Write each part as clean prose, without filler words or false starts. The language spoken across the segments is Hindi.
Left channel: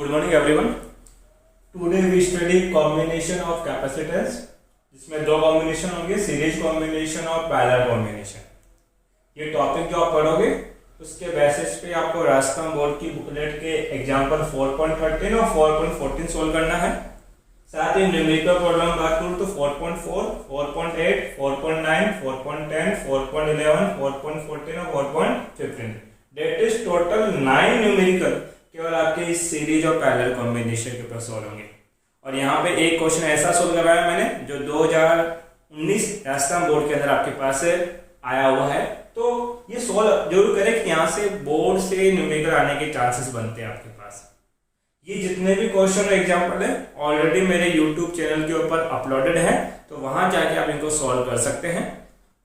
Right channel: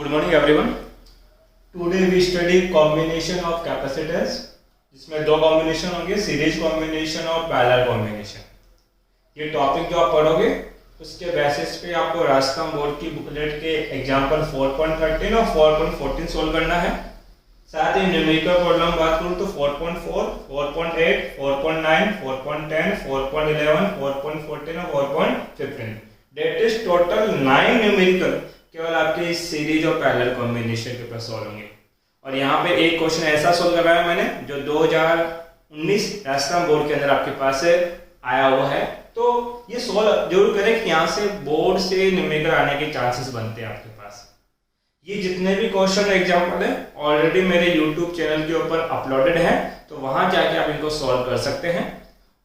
Good morning everyone. Today we study combination of capacitance, जिसमें दो कॉम्बिनेशन होंगे, सीरीज कॉम्बिनेशन और पैरेलल कॉम्बिनेशन। ये टॉपिक जो आप पढ़ोगे उसके बेसिस पे आपको राजस्थान बोर्ड की बुकलेट के एग्जाम्पल 4.13 और 4.14 सोल्व करना है। साथ ही न्यूमेरिकल प्रॉब्लम बात करूँ तो 4.4, 4.8, 4.9, 4.10, 4.11, 4.14 और 4.15 डेट इज टोटल 9 न्यूमेरिकल केवल आपके इस सीरीज और पैरेलल कॉम्बिनेशन के ऊपर सोल्व होंगे। और यहाँ पे एक क्वेश्चन ऐसा सोल्व कराया मैंने जो 2019 राजस्थान बोर्ड के अंदर आपके पास आया हुआ है, तो ये सोल्व जरूर करें कि यहाँ से बोर्ड से न्यूमेरिकल आने के चांसेस बनते हैं आपके पास। ये जितने भी क्वेश्चन एग्जाम्पल है ऑलरेडी मेरे यूट्यूब चैनल के ऊपर अपलोडेड है, तो वहां जाके आप इनको सॉल्व कर सकते हैं।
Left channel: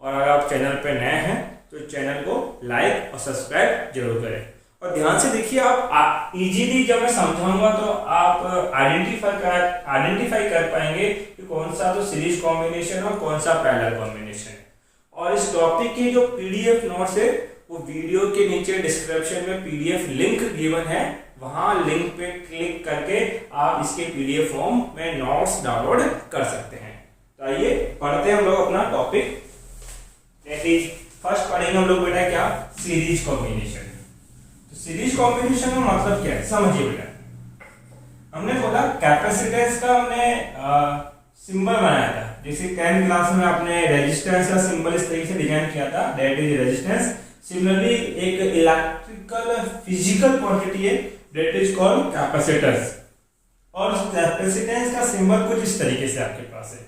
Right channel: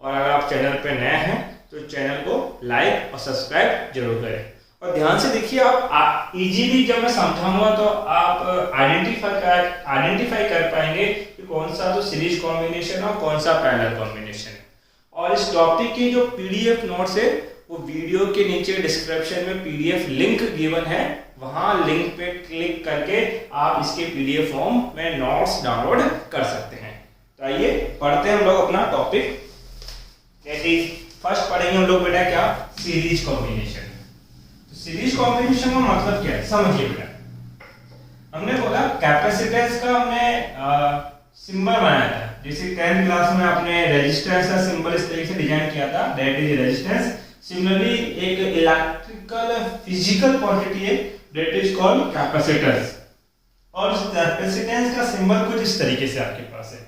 और अगर आप चैनल पे नए हैं तो चैनल को लाइक और सब्सक्राइब जरूर करें। और ध्यान से देखिए, आप इजीली जब मैं समझाऊंगा तो आप आइडेंटिफाई कर पाएंगे कि कौन सा तो सीरीज कॉम्बिनेशन और कौन सा पैरेलल कॉम्बिनेशन है। और इस टॉपिक की जो पीडीएफ नोट्स है वो वीडियो के नीचे डिस्क्रिप्शन में पीडीएफ लिंक गिवन है, वहां लिंक पे क्लिक करके आप इसके पीडीएफ फॉर्म में नोट्स डाउनलोड कर सकते हैं। तो आइए पढ़ते हैं हम लोग अपना टॉपिक। फर्स्ट पढ़ेंगे हम लोग बेटा क्या, सीरीज कॉम्बिनेशन। तो सीरीज कॉम्बिनेशन का मतलब क्या है समझिए बेटा। हमने बोला कैपेसिटेंस का हमने सिंबल बनाया था, जैसे 10th क्लास में आपने रेजिस्टेंस का सिंबल इस तरीके से डिजाइन किया था, दैट इज रेजिस्टेंस। सिमिलरली एक इलेक्ट्रिकल फिजिकल क्वांटिटी है दैट इज कॉल्ड कैपेसिटेंस। और इस कैपेसिटेंस का सिंबल कुछ इस तरीके से आपके पास है।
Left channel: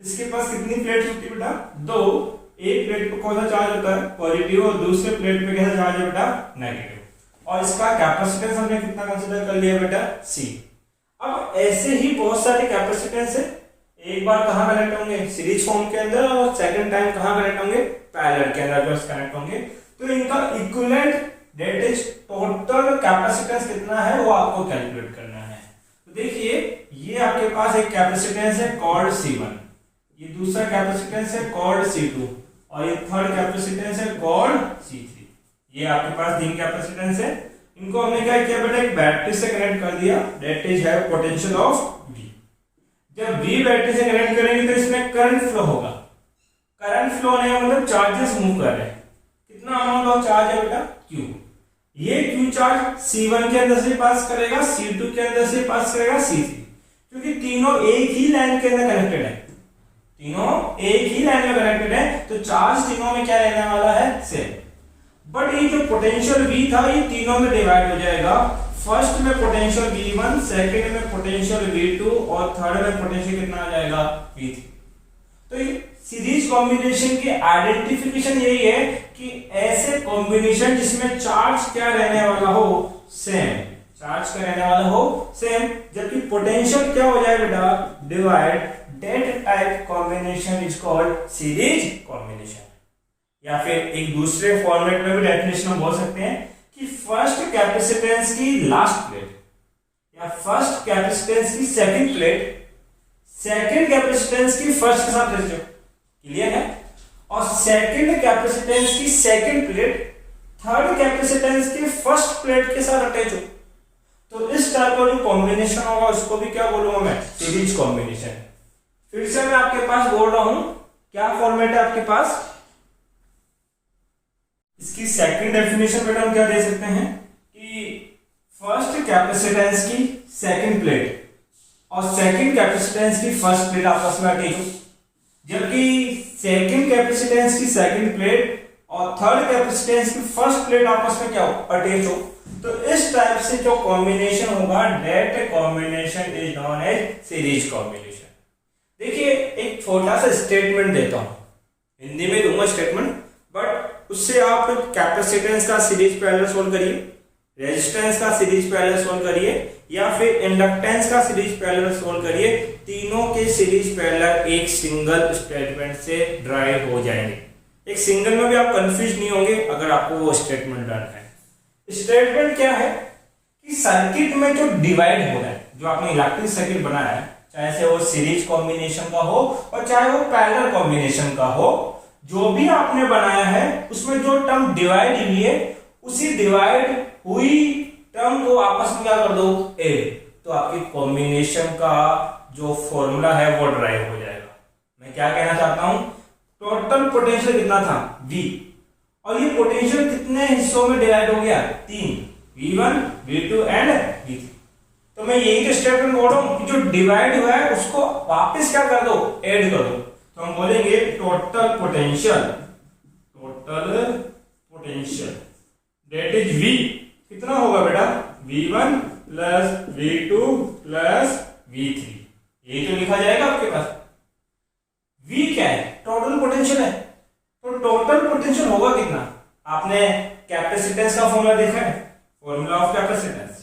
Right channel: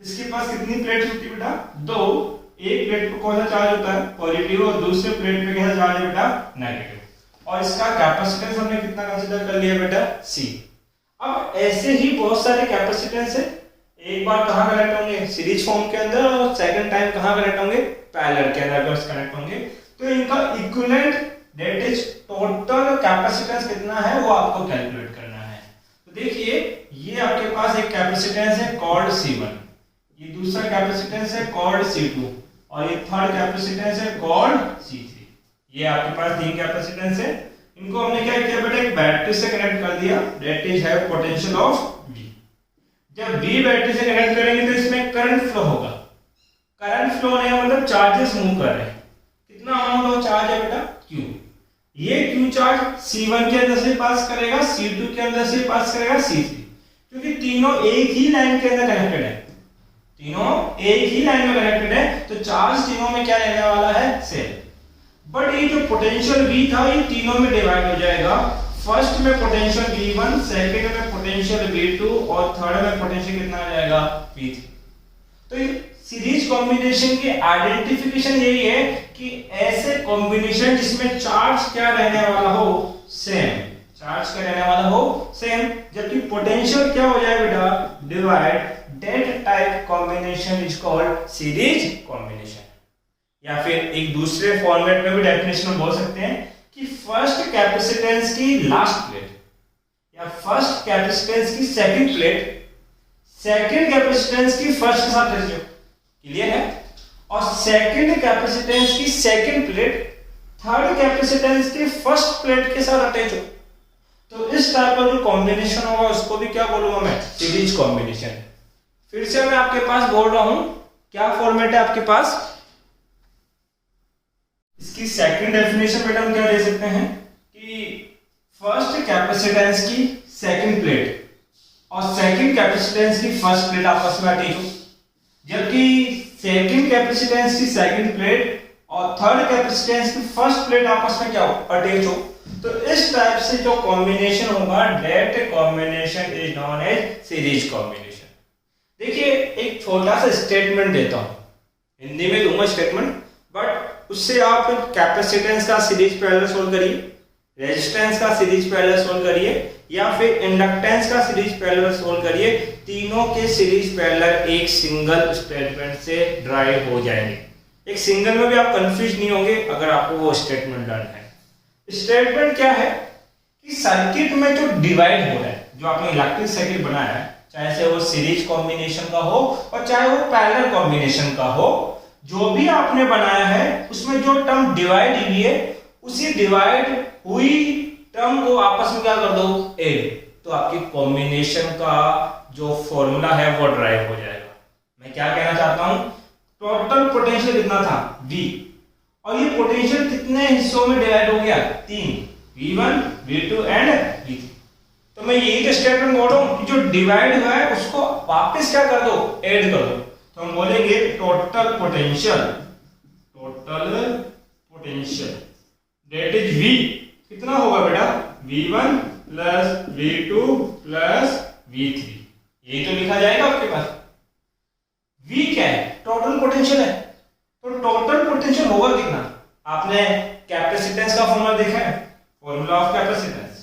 इसके पास कितनी प्लेट्स होती है बेटा, दो। एक प्लेट पे कौन सा चार्ज होता है, पॉजिटिव, और दूसरे प्लेट पे कैसा चार्ज है बेटा, नेगेटिव। और इसका कैपेसिटेंस हमने कितना कंसीडर कर लिया बेटा, C। अब ऐसे ही बहुत सारे कैपेसिटेंस है, एक बार कहां कनेक्ट होंगे, सीरीज फॉर्म के अंदर, और सेकंड टाइम कहां कनेक्ट होंगे, पैरेलल के अंदर कनेक्ट होंगे। तो इनका equivalent that is total capacitance कितना है वो आपको कैलकुलेट करना है। तो देखिए ये आपके पास एक कैपेसिटेंस है कॉल्ड C1, ये दूसरा कैपेसिटेंस है कॉल्ड C2, और ये थर्ड कैपेसिटेंस है कॉल्ड C3। ये आपके पास तीन कैपेसिटेंस है। इनको हमने क्या किया बेटा, एक बैटरी से कनेक्ट कर दिया, that is have potential of V। जब V बैटरी से कनेक्ट करेंगे तो इसमें करंट फ्लो होगा। करंट फ्लो होने का मतलब चार्जेस मूव कर रहे हैं। कितना अमाउंट ऑफ चार्ज है बेटा, Q। ये Q चार्ज C1 के अंदर से पास करेगा, C2 के अंदर से पास करेगा, C3, क्योंकि तीनों एक ही लाइन के अंदर कनेक्टेड है, तीनों एक ही लाइन में कनेक्टेड है, तो चार्ज तीनों में क्या रहने वाला है, सेम। बट ये जो पोटेंशियल V था ये तीनों में डिवाइड हो जाएगा। फर्स्ट में पोटेंशियल V1, सेकंड में पोटेंशियल V2 और थर्ड में पोटेंशियल कितना आ जाएगा, V3। तो ये सीरीज कॉम्बिनेशन की आइडेंटिफिकेशन यही है कि ऐसे कॉम्बिनेशन जिसमें चार्ज क्या रहने वाला हो, सेम, चार्ज क्या रहने वाला हो, सेम, जबकि पोटेंशियल क्या हो जाए बेटा, divide. That type combination is called series combination. या फिर एक दूसरे फॉर्मेट में भी डेफिनेशन में बोल सकते हैं कि फर्स्ट कैपेसिटेंस की लास्ट प्लेट या फर्स्ट कैपेसिटेंस की सेकंड प्लेट सेकंड कैपेसिटेंस की फर्स्ट के साथ रेशियो, क्लियर है, और सेकंड कैपेसिटेंस की सेकंड प्लेट थर्ड कैपेसिटेंस की फर्स्ट प्लेट के साथ अटैच हो। तो इस टाइप का जो कॉम्बिनेशन होगा उसको भी क्या बोलूंगा मैं, सीरीज कॉम्बिनेशन। फिर से मैं आपके पास बोल रहा हूं, क्या फॉर्मेट है आपके पास, इसकी सेकंड डेफिनेशन बेटा हम क्या दे सकते हैं कि फर्स्ट कैपेसिटेंस की सेकंड प्लेट और सेकंड कैपेसिटेंस की फर्स्ट प्लेट आपस में अटैच हो, जबकि सेकंड कैपेसिटेंस की सेकंड प्लेट और थर्ड कैपेसिटेंस की फर्स्ट प्लेट आपस में क्या हो, अटैच हो। तो इस टाइप से जो कॉम्बिनेशन होगा that combination is known as series combination. देखिए एक छोटा सा स्टेटमेंट देता हूं, हिंदी में दूंगा स्टेटमेंट, बट उससे आप कैपेसिटेंस का सीरीज पैरेलल सोल्व करिए, रेजिस्टेंस का सीरीज पैरेलल सोल्व करिए, या फिर इंडक्टेंस का सीरीज पैरेलल सोल्व करिए। तीनों के सीरीज पैरेलल एक सिंगल स्टेटमेंट से ड्राइव हो जाएंगे। एक सिंगल में भी आप कंफ्यूज नहीं होंगे अगर आपको वो स्टेटमेंट डन है। स्टेटमेंट क्या है कि सर्किट में जो डिवाइड हो रहा है, जो आपने इलेक्ट्रिक सर्किट बनाया है, चाहे से वो सीरीज कॉम्बिनेशन का हो और चाहे वो पैरेलल कॉम्बिनेशन का हो, जो भी आपने बनाया है उसमें जो टर्म डिवाइड हुई है उसी डिवाइड हुई टर्म को आपस में क्या कर दो, ऐड, तो आपके कॉम्बिनेशन का जो फॉर्मूला है वो ड्राइव हो जाएगा। मैं क्या कहना चाहता हूं, टोटल पोटेंशियल कितना था, V, और ये पोटेंशियल कितने हिस्सों में डिवाइड हो गया, 3, V1, V2 एंड V3। तो मैं यही तो स्टेटमेंट बोल रहा हूं कि जो डिवाइड हुआ है उसको वापस क्या कर दो, ऐड कर दो। तो हम बोलेंगे total potential that is V, कितना होगा बेटा, V1 plus V2 plus V3, यही तो लिखा जाएगा आपके पास। V क्या है, टोटल पोटेंशियल है, तो टोटल पोटेंशियल होगा कितना, आपने कैपेसिटेंस का फॉर्मूला देखा है, formula of capacitance,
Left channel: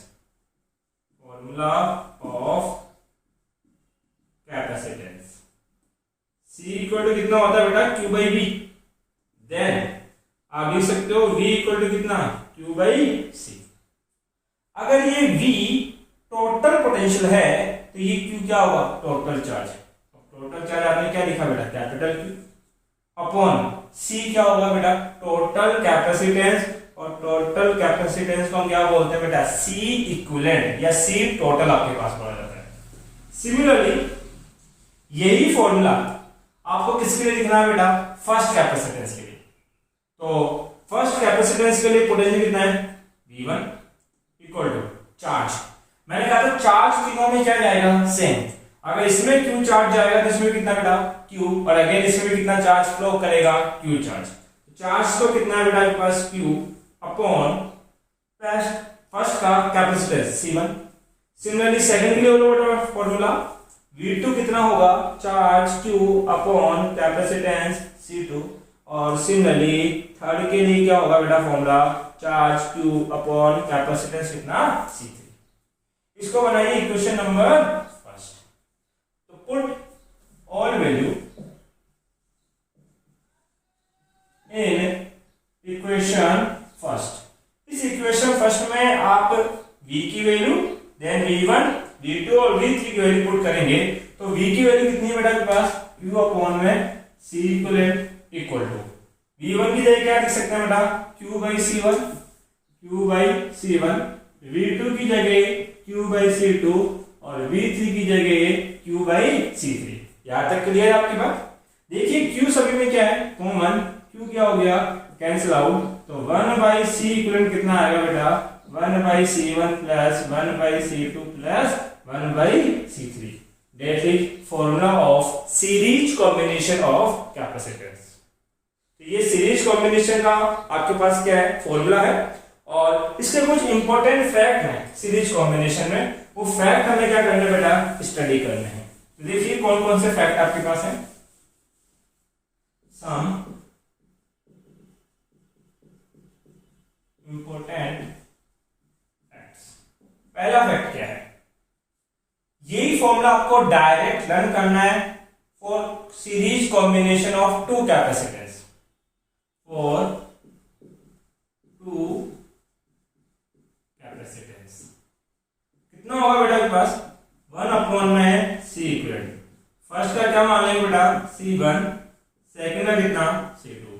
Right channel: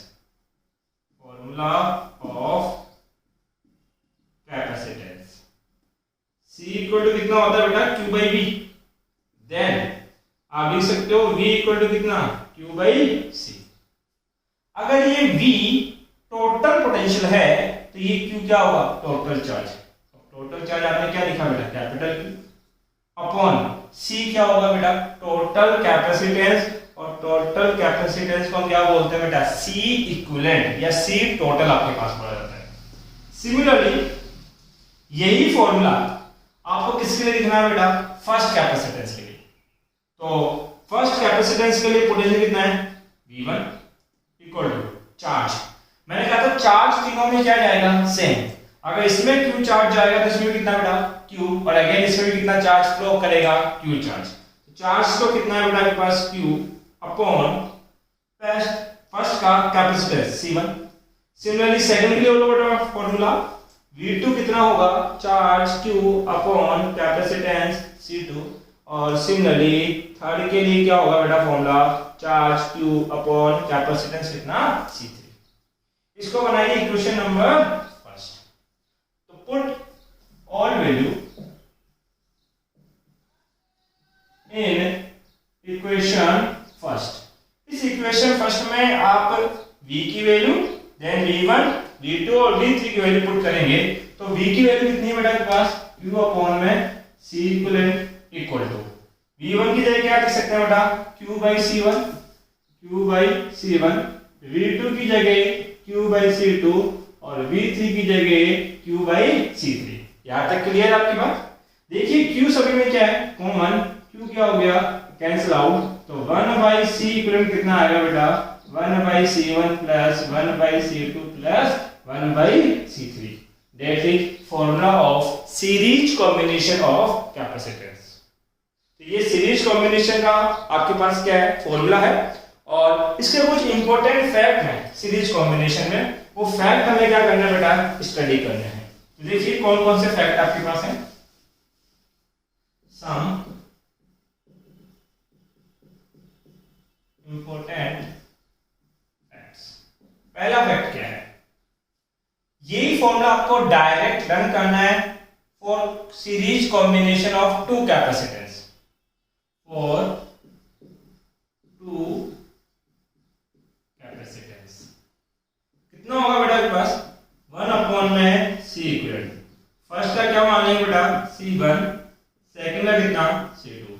C equal to कितना होता है बेटा, Q बाई V, देन आप लिख सकते हो V इक्वल टू कितना, Q बाई C। अगर ये V टोटल पोटेंशियल है तो ये Q क्या होगा, टोटल चार्ज। टोटल चार्ज आपने क्या लिखा बेटा, कैपिटल Q, अपॉन C क्या होगा बेटा, टोटल कैपेसिटेंस, और टोटल कैपेसिटेंस को हम क्या बोलते हैं बेटा, C इक्विवेलेंट या C टोटल आपके पास पड़ा जाता है। सिमिलरली यही फॉर्मूला आपको किसके लिए लिखना है बेटा, फर्स्ट कैपेसिटेंस के लिए। तो फर्स्ट कैपेसिटेंस के लिए पोटेंशियल कितना है, V1 इक्वल टू चार्ज, मैंने कहा था चार्ज तीनों में क्या जाएगा, सेम। अगर इसमें Q चार्ज जाएगा तो इसमें कितना बेटा, Q, और अगेन इसमें भी कितना चार्ज फ्लो करेगा, Q चार्ज। चार्ज तो कितना है बेटा आपके पास, Q अपॉन फर्स्ट का कैपेसिटेंस C1। सिमिलरली सेकंड के लिए बोलो बेटा फॉर्मूला, V2 कितना होगा, charge Q upon capacitance C2, और सिमिलरली थर्ड के लिए क्या होगा बेटा formula, charge Q upon capacitance कितना, C3। इसको बनाइए इक्वेशन नंबर फर्स्ट। तो put all value in equation first. इस इक्वेशन फर्स्ट में आप V की वैल्यू, देन V1, V2 और V3 की वैल्यू पुट करेंगे। तो V की वैल्यू कितनी है बेटा आपके पास, Q अपॉन में C इक्वल टू V1 की जगह क्या लिख सकते हैं बेटा, Q बाई C1, V2 की जगह Q बाई C2, और V3 की जगह Q बाई C3। यहां तक क्लियर है आपकी बात। देखिए Q सभी में क्या है, कॉमन, Q क्या हो गया, कैंसिल आउट, तो 1 बाई C इक्वल कितना आएगा बेटा, 1 by C1 plus 1 by C2 plus 1 by C3, that is formula of series combination of capacitance. तो ये सीरीज कॉम्बिनेशन का आपके पास क्या है, फॉर्मूला है, और इसके कुछ इंपॉर्टेंट फैक्ट हैं सीरीज कॉम्बिनेशन में, वो फैक्ट हमें क्या करना है बेटा, स्टडी करने हैं। तो देखिए कौन कौन से फैक्ट आपके पास हैं, सम इंपॉर्टेंट फैक्ट्स। पहला फैक्ट क्या है, यही फॉर्मूला आपको डायरेक्ट रन करना है for series combination of two capacitance, for two capacitance. कितना होगा बेटा आपके पास, 1 अपॉन में C इक्वल, फर्स्ट का क्या मान लेंगे बेटा, C1, सेकंड का कितना, C2,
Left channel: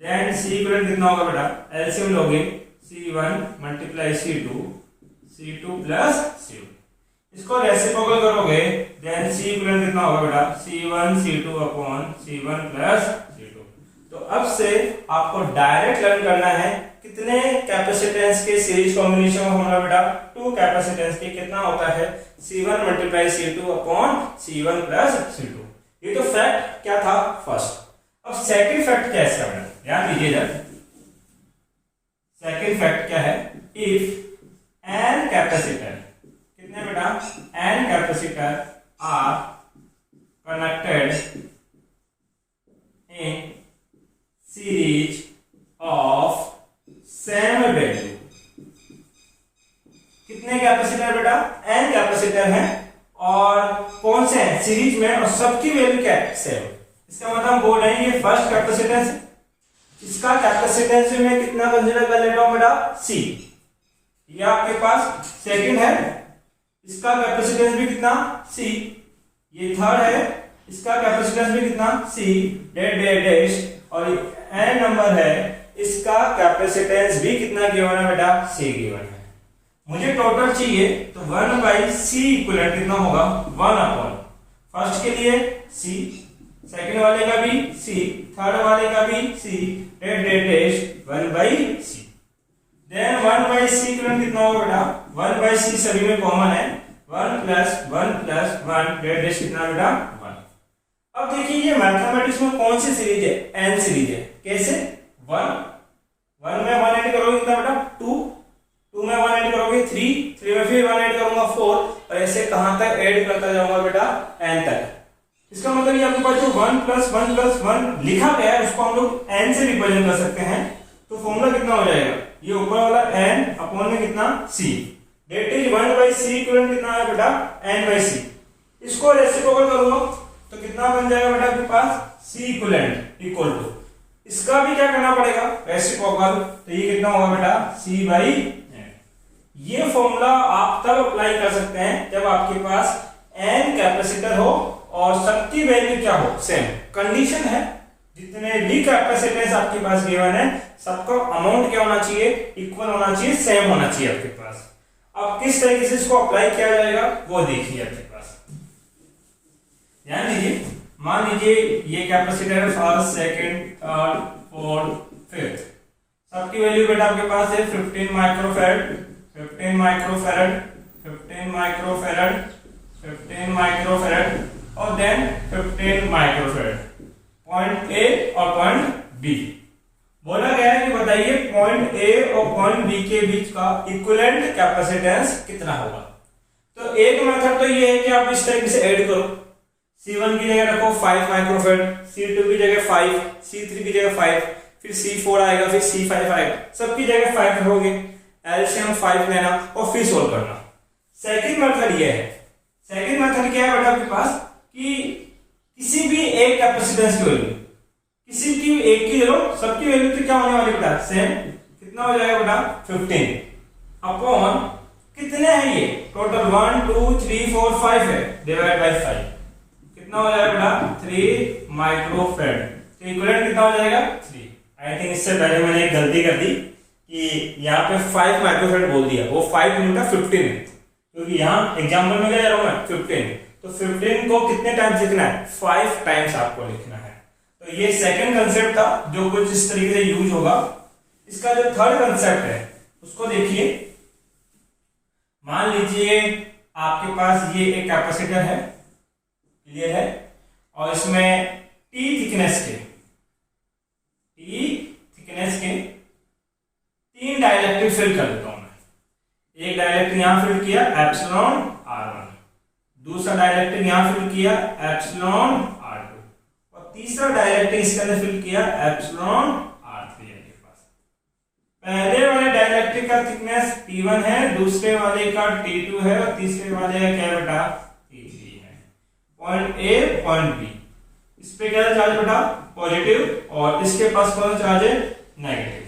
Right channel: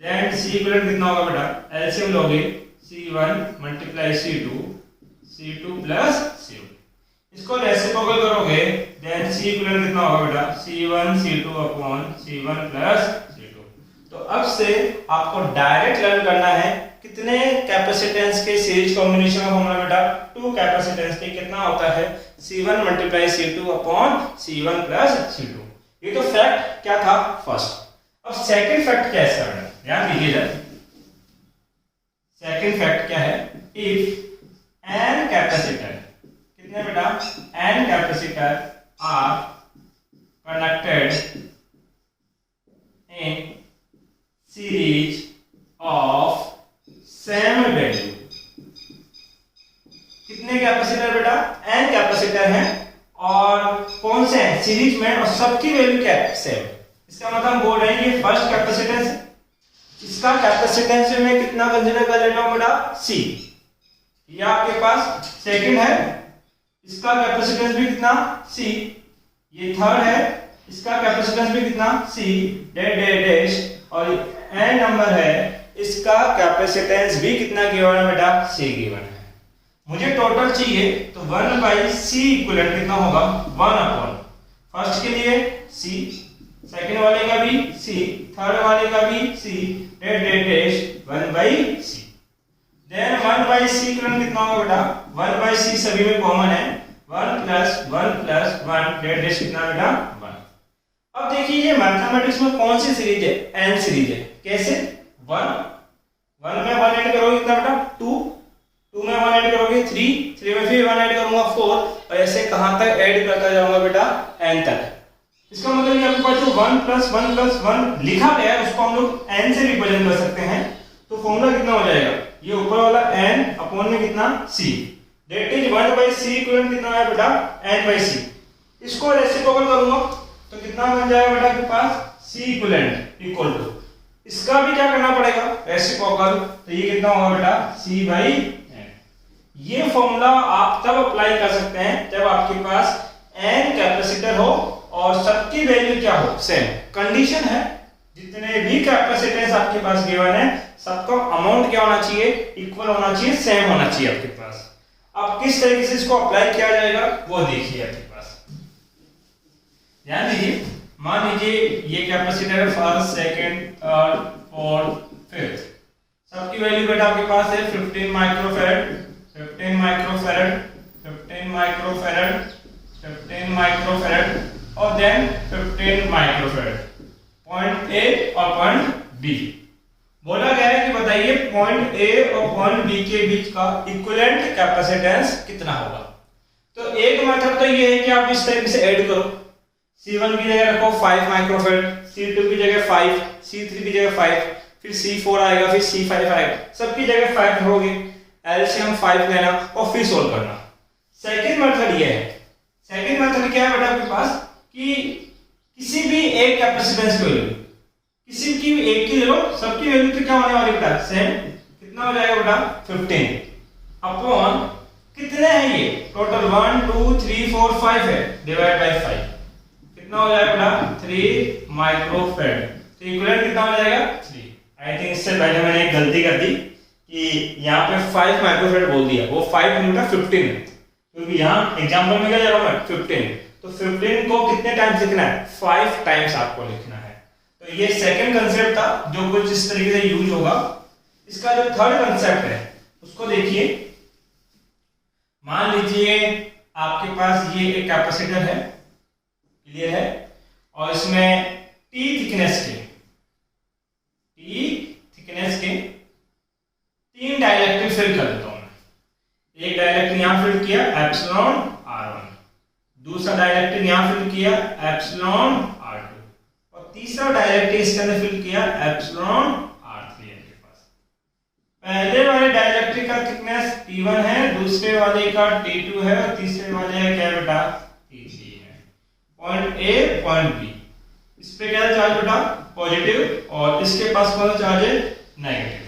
देन C इक्वल कितना होगा बेटा, एलसीएम लोगे, C1 multiply C2 plus C1, इसको रेसिप्रोकल करोगे, देन C इक्वल कितना होगा बेटा, C1 C2 upon C1 plus C2। तो अब से आपको डायरेक्ट लर्न करना है कितने कैपेसिटेंस के सीरीज कॉम्बिनेशन होगा बेटा, टू कैपेसिटेंस के कितना होता है, C1 multiply C2 upon C1 plus C2। ये तो फैक्ट क्या था फर्स्ट। अब सेकंड फैक्ट क्या है इसका बेटा, ध्यान दीजिएगा। सेकंड फैक्ट क्या है, इफ एन कैपेसिटर, कितने बेटा, n capacitor are connected in series of same value, कितने कैपेसिटर बेटा, एन कैपेसिटर हैं, और कौन से हैं, सीरीज में, और सबकी वैल्यू क्या है, सेम। इसका मतलब हम बोल रहे हैं ये फर्स्ट कैपेसिटेंस है, इसका कैपेसिटेंस में कितना कंसीडर कर लेता हूं बेटा, C, ये आपके पास सेकंड है, इसका कैपेसिटेंस भी कितना, C, ये थर्ड है, इसका कैपेसिटेंस भी कितना, C डैश, और n नंबर है, इसका कैपेसिटेंस भी कितना गिवन है बेटा, C गिवन है। मुझे टोटल चाहिए तो 1/c इक्विवेलेंट कितना होगा 1 अपॉन फर्स्ट के लिए c, सेकंड वाले का भी c, थर्ड वाले का भी c, date 1/c। Then 1/c equivalent कितना होगा बेटा 1/c सभी में कॉमन है 1 + 1 + 1 डेट कितना बेटा 1। अब देखिए ये मैथमेटिक्स में कौन सी सीरीज है n सीरीज है। कैसे 1 में 1 ऐड करोगे कितना बेटा 2 में 1 ऐड करोगे 3 में फिर 1 ऐड करूंगा 4 और ऐसे कहां तक ऐड करता जाऊंगा बेटा n तक। इसका मतलब ये आपके पास जो 1 + 1 + 1 लिखा गया है उसको हम लोग n से रिप्रेजेंट कर सकते हैं। तो फॉर्मूला कितना हो जाएगा ये ऊपर वाला n अपॉन में कितना c date is 1/c equivalent कितना है बेटा n/c। इसको रेसिप्रोकल करूंगा तो कितना बन जाएगा बेटा आपके पास c इक्विवेलेंट इक्वल टू इसका भी क्या करना पड़ेगा रेसिप्रोकल तो ये कितना होगा बेटा c/n। ये फॉर्मूला आप तब अप्लाई कर सकते हैं जब आपके पास n कैपेसिटर हो और सबकी वैल्यू क्या हो सेम। कंडीशन है जितने भी कैपेसिटेंस आपके पास गिवन है सबका अमाउंट क्या होना चाहिए इक्वल होना चाहिए सेम होना चाहिए आपके पास। अब किस तरीके से इसको अप्लाई किया जाएगा वो देखिए आपके पास। ध्यान दीजिए मान लीजिए ये कैपेसिटर है first second third fourth fifth सबकी वैल्यू बेटा आपके पास है 15 माइक्रोफैरड 15 माइक्रोफैरड 15 माइक्रोफैरड 15 माइक्रोफैरड और देन 15 माइक्रोफैरड पॉइंट ए और पॉइंट बी। बोला गया है कि बताइए पॉइंट ए और पॉइंट बी के बीच का इक्विवेलेंट कैपेसिटेंस कितना होगा। तो एक मेथड तो ये है कि आप इस तरीके से ऐड करो C1 की जगह रखो 5 माइक्रोफैरड C2 की जगह 5 C3 की जगह 5 फिर C4 आएगा फिर C5 आएगा सबकी जगह 5 रखोगे एलसीएम 5 लेना और फिर सोल्व करना। सेकंड मेथड ये है। सेकंड मेथड क्या है बेटा आपके पास कि किसी भी एक कैपेसिटेंस की वैल्यू किसी की एक की ले लो सबकी वैल्यू तो क्या होने वाली बेटा सेम कितना हो जाएगा बेटा 15 अपॉन कितने हैं ये टोटल 1 2 3 4 5 है डिवाइड बाय 5 कितना हो जाएगा बेटा 3 माइक्रोफैरड। तो इक्विवेलेंट कितना हो जाएगा 3। आई थिंक इससे पहले मैंने एक गलती कर दी कि यहाँ पे 5 माइक्रोफैरड बोल दिया वो 5 नहीं बेटा 15 है क्योंकि यहाँ एग्जांपल में क्या जा रहा हूँ मैं 15 तो 15 को कितने टाइम्स लिखना है 5 टाइम्स आपको लिखना है। तो ये सेकंड कंसेप्ट था जो कुछ इस तरीके से यूज होगा। इसका जो थर्ड कंसेप्ट है उसको देखिए। मान लीजिए आपके पास ये एक कैपेसिटर है क्लियर है और इसमें T थिकनेस के 3 डाइलेक्ट्रिक फिल कर देता हूं मैं। एक डाइलेक्ट्रिक यहां फिल किया एप्सिलॉन r1 दूसरा डाइलेक्ट्रिक यहां फिल किया एप्सिलॉन r2 और तीसरा डाइलेक्ट्रिक इसके अंदर फिल किया एप्सिलॉन r3 आपके पास। पहले वाले डाइलेक्ट्रिक का थिकनेस T1 है दूसरे वाले का T2 है और तीसरे वाले का क्या बेटा T3 है। पॉइंट ए पॉइंट बी इस पे क्या चार्ज बेटा पॉजिटिव और इसके पास कौन सा चार्ज है नेगेटिव।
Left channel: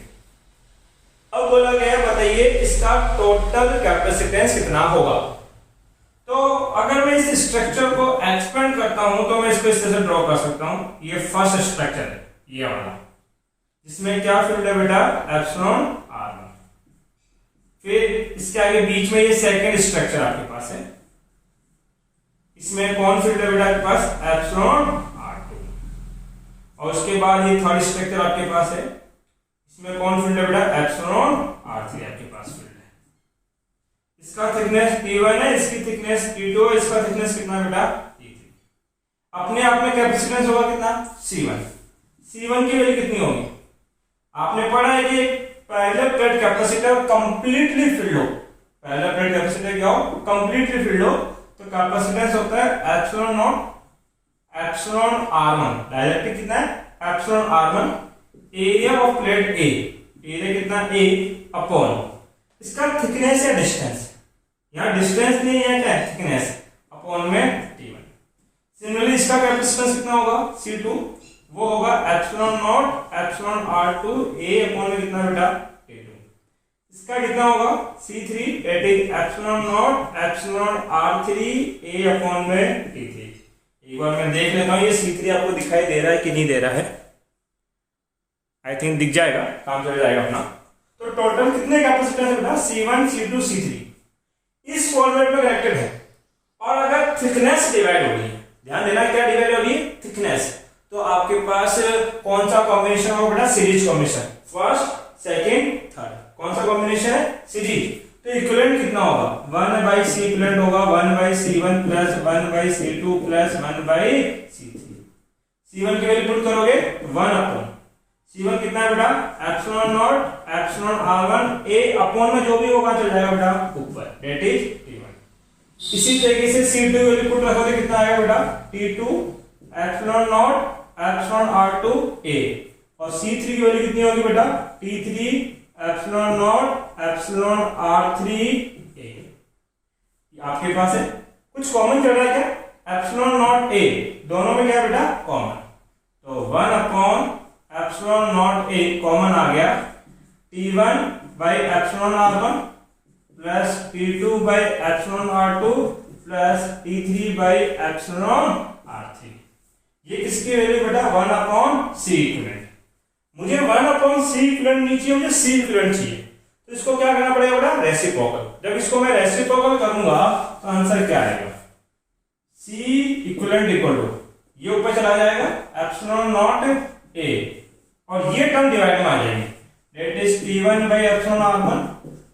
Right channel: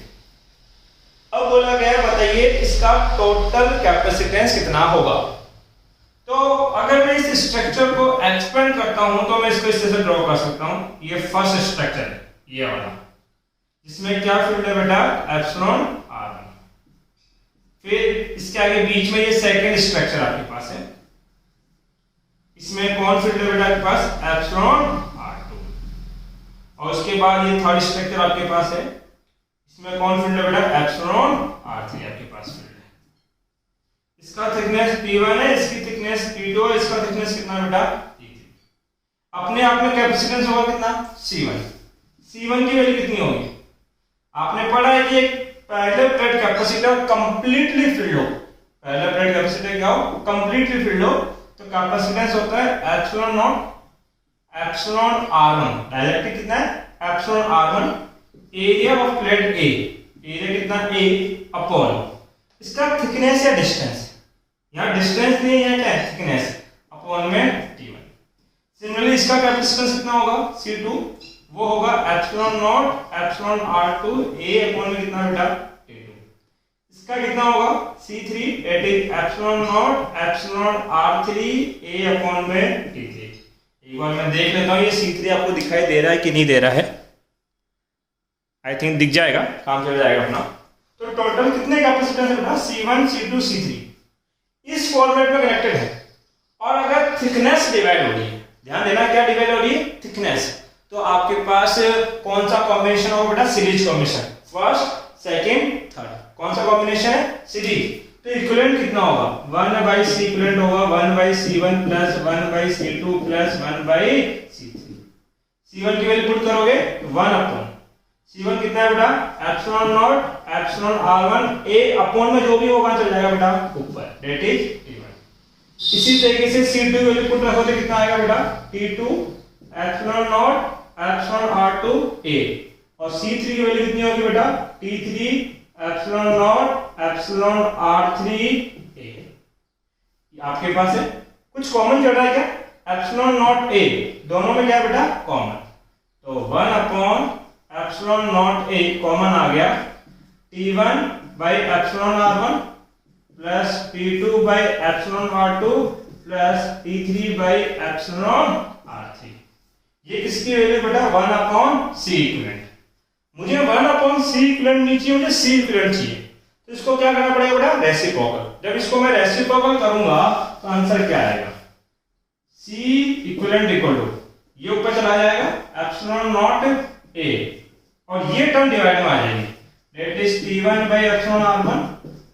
अब बोला गया बताइए इसका टोटल कैपेसिटेंस कितना होगा। तो अगर मैं इस स्ट्रक्चर को एक्सपेंड करता हूं तो मैं इसको इस तरह से ड्रॉ कर सकता हूं। ये फर्स्ट स्ट्रक्चर है ये वाला जिसमें क्या फील्ड है बेटा एप्सिलॉन r1। फिर इसके आगे बीच में ये सेकंड स्ट्रक्चर आपके पास है इसमें कौन फील्ड है बेटा आपके पास एप्सिलॉन r2 और उसके बाद ये थर्ड स्ट्रक्चर आपके पास है इसमें कौन फील्ड है बेटा एप्सिलॉन r3 आपके पास फील्ड है। इसका थिकनेस T1 है इसकी थिकनेस T2 है इसका थिकनेस कितना बेटा T3। अपने आप में कैपेसिटेंस होगा कितना C1 की वैल्यू कितनी होगी आपने पढ़ा है कि पहले प्लेट कैपेसिटर कंप्लीटली फिल्ड हो पहले प्लेट कैपेसिटर क्या हो कंप्लीटली फिल्ड हो तो कैपेसिटेंस होता है epsilon naught epsilon r1 directly कितना है epsilon r1 area of plate A area कितना a अपॉन इसका थिकनेस या डिस्टेंस यहाँ डिस्टेंस नहीं है क्या थिकनेस अपॉन में T1। सिमिलरली इसका कैपेसिटेंस कितना होगा C2 वो होगा epsilon naught epsilon r2 a upon में कितना बेटा A2। इसका कितना होगा C3 that is epsilon naught epsilon r3 a upon में T3। एक बार मैं देख लेता हूँ ये C3 आपको दिखाई दे रहा है कि नहीं दे रहा है। आई थिंक दिख जाएगा काम चल जाएगा अपना। तो टोटल कितने कैपेसिटेंस है बेटा, C1 C2 C3 इस फॉर्मेट में कनेक्टेड है। और अगर थिकनेस डिवाइड होगी, ध्यान देना क्या डिवाइड होगी, थिकनेस, तो आपके पास कौन सा कॉम्बिनेशन होगा बेटा, series combination, first second third, कौन सा कॉम्बिनेशन है, सीरीज। तो इक्विवेलेंट कितना होगा, 1/C इक्विवेलेंट होगा 1/C1 plus 1/C2 plus 1/C3। C1 की वैल्यू पुट करोगे 1/, C1 कितना है बेटा, epsilon naught epsilon R1 A upon में जो भी होगा चल जाएगा बेटा ऊपर, दैट इज T1। इसी तरीके से C2 की वैल्यू पुट रखोगे कितना आएगा बेटा, T2 epsilon naught epsilon R2 A, और C3 की वैल्यू कितनी होगी बेटा, T3 epsilon naught epsilon R3 A। आपके पास है कुछ कॉमन चल रहा है क्या, एप्सिलॉन नॉट A, दोनों में क्या बेटा कॉमन, तो 1 एप्सिलॉन नॉट A कॉमन आ गया, T1 by epsilon R1 plus T2 by epsilon R2 plus T3 by epsilon R3। ये किसकी वैल्यू बेटा, 1/C इक्विवेलेंट। मुझे 1/C इक्विवेलेंट नहीं चाहिए, मुझे C इक्विवेलेंट चाहिए, तो इसको क्या करना पड़ेगा बेटा, रेसिप्रोकल। जब इसको मैं रेसिप्रोकल करूंगा तो आंसर क्या आएगा, C इक्विवेलेंट इक्वल टू ये ऊपर चला जाएगा एप्सिलॉन नॉट A, और ये टर्म डिवाइड में आ जाएगी, that is T1 by epsilon R1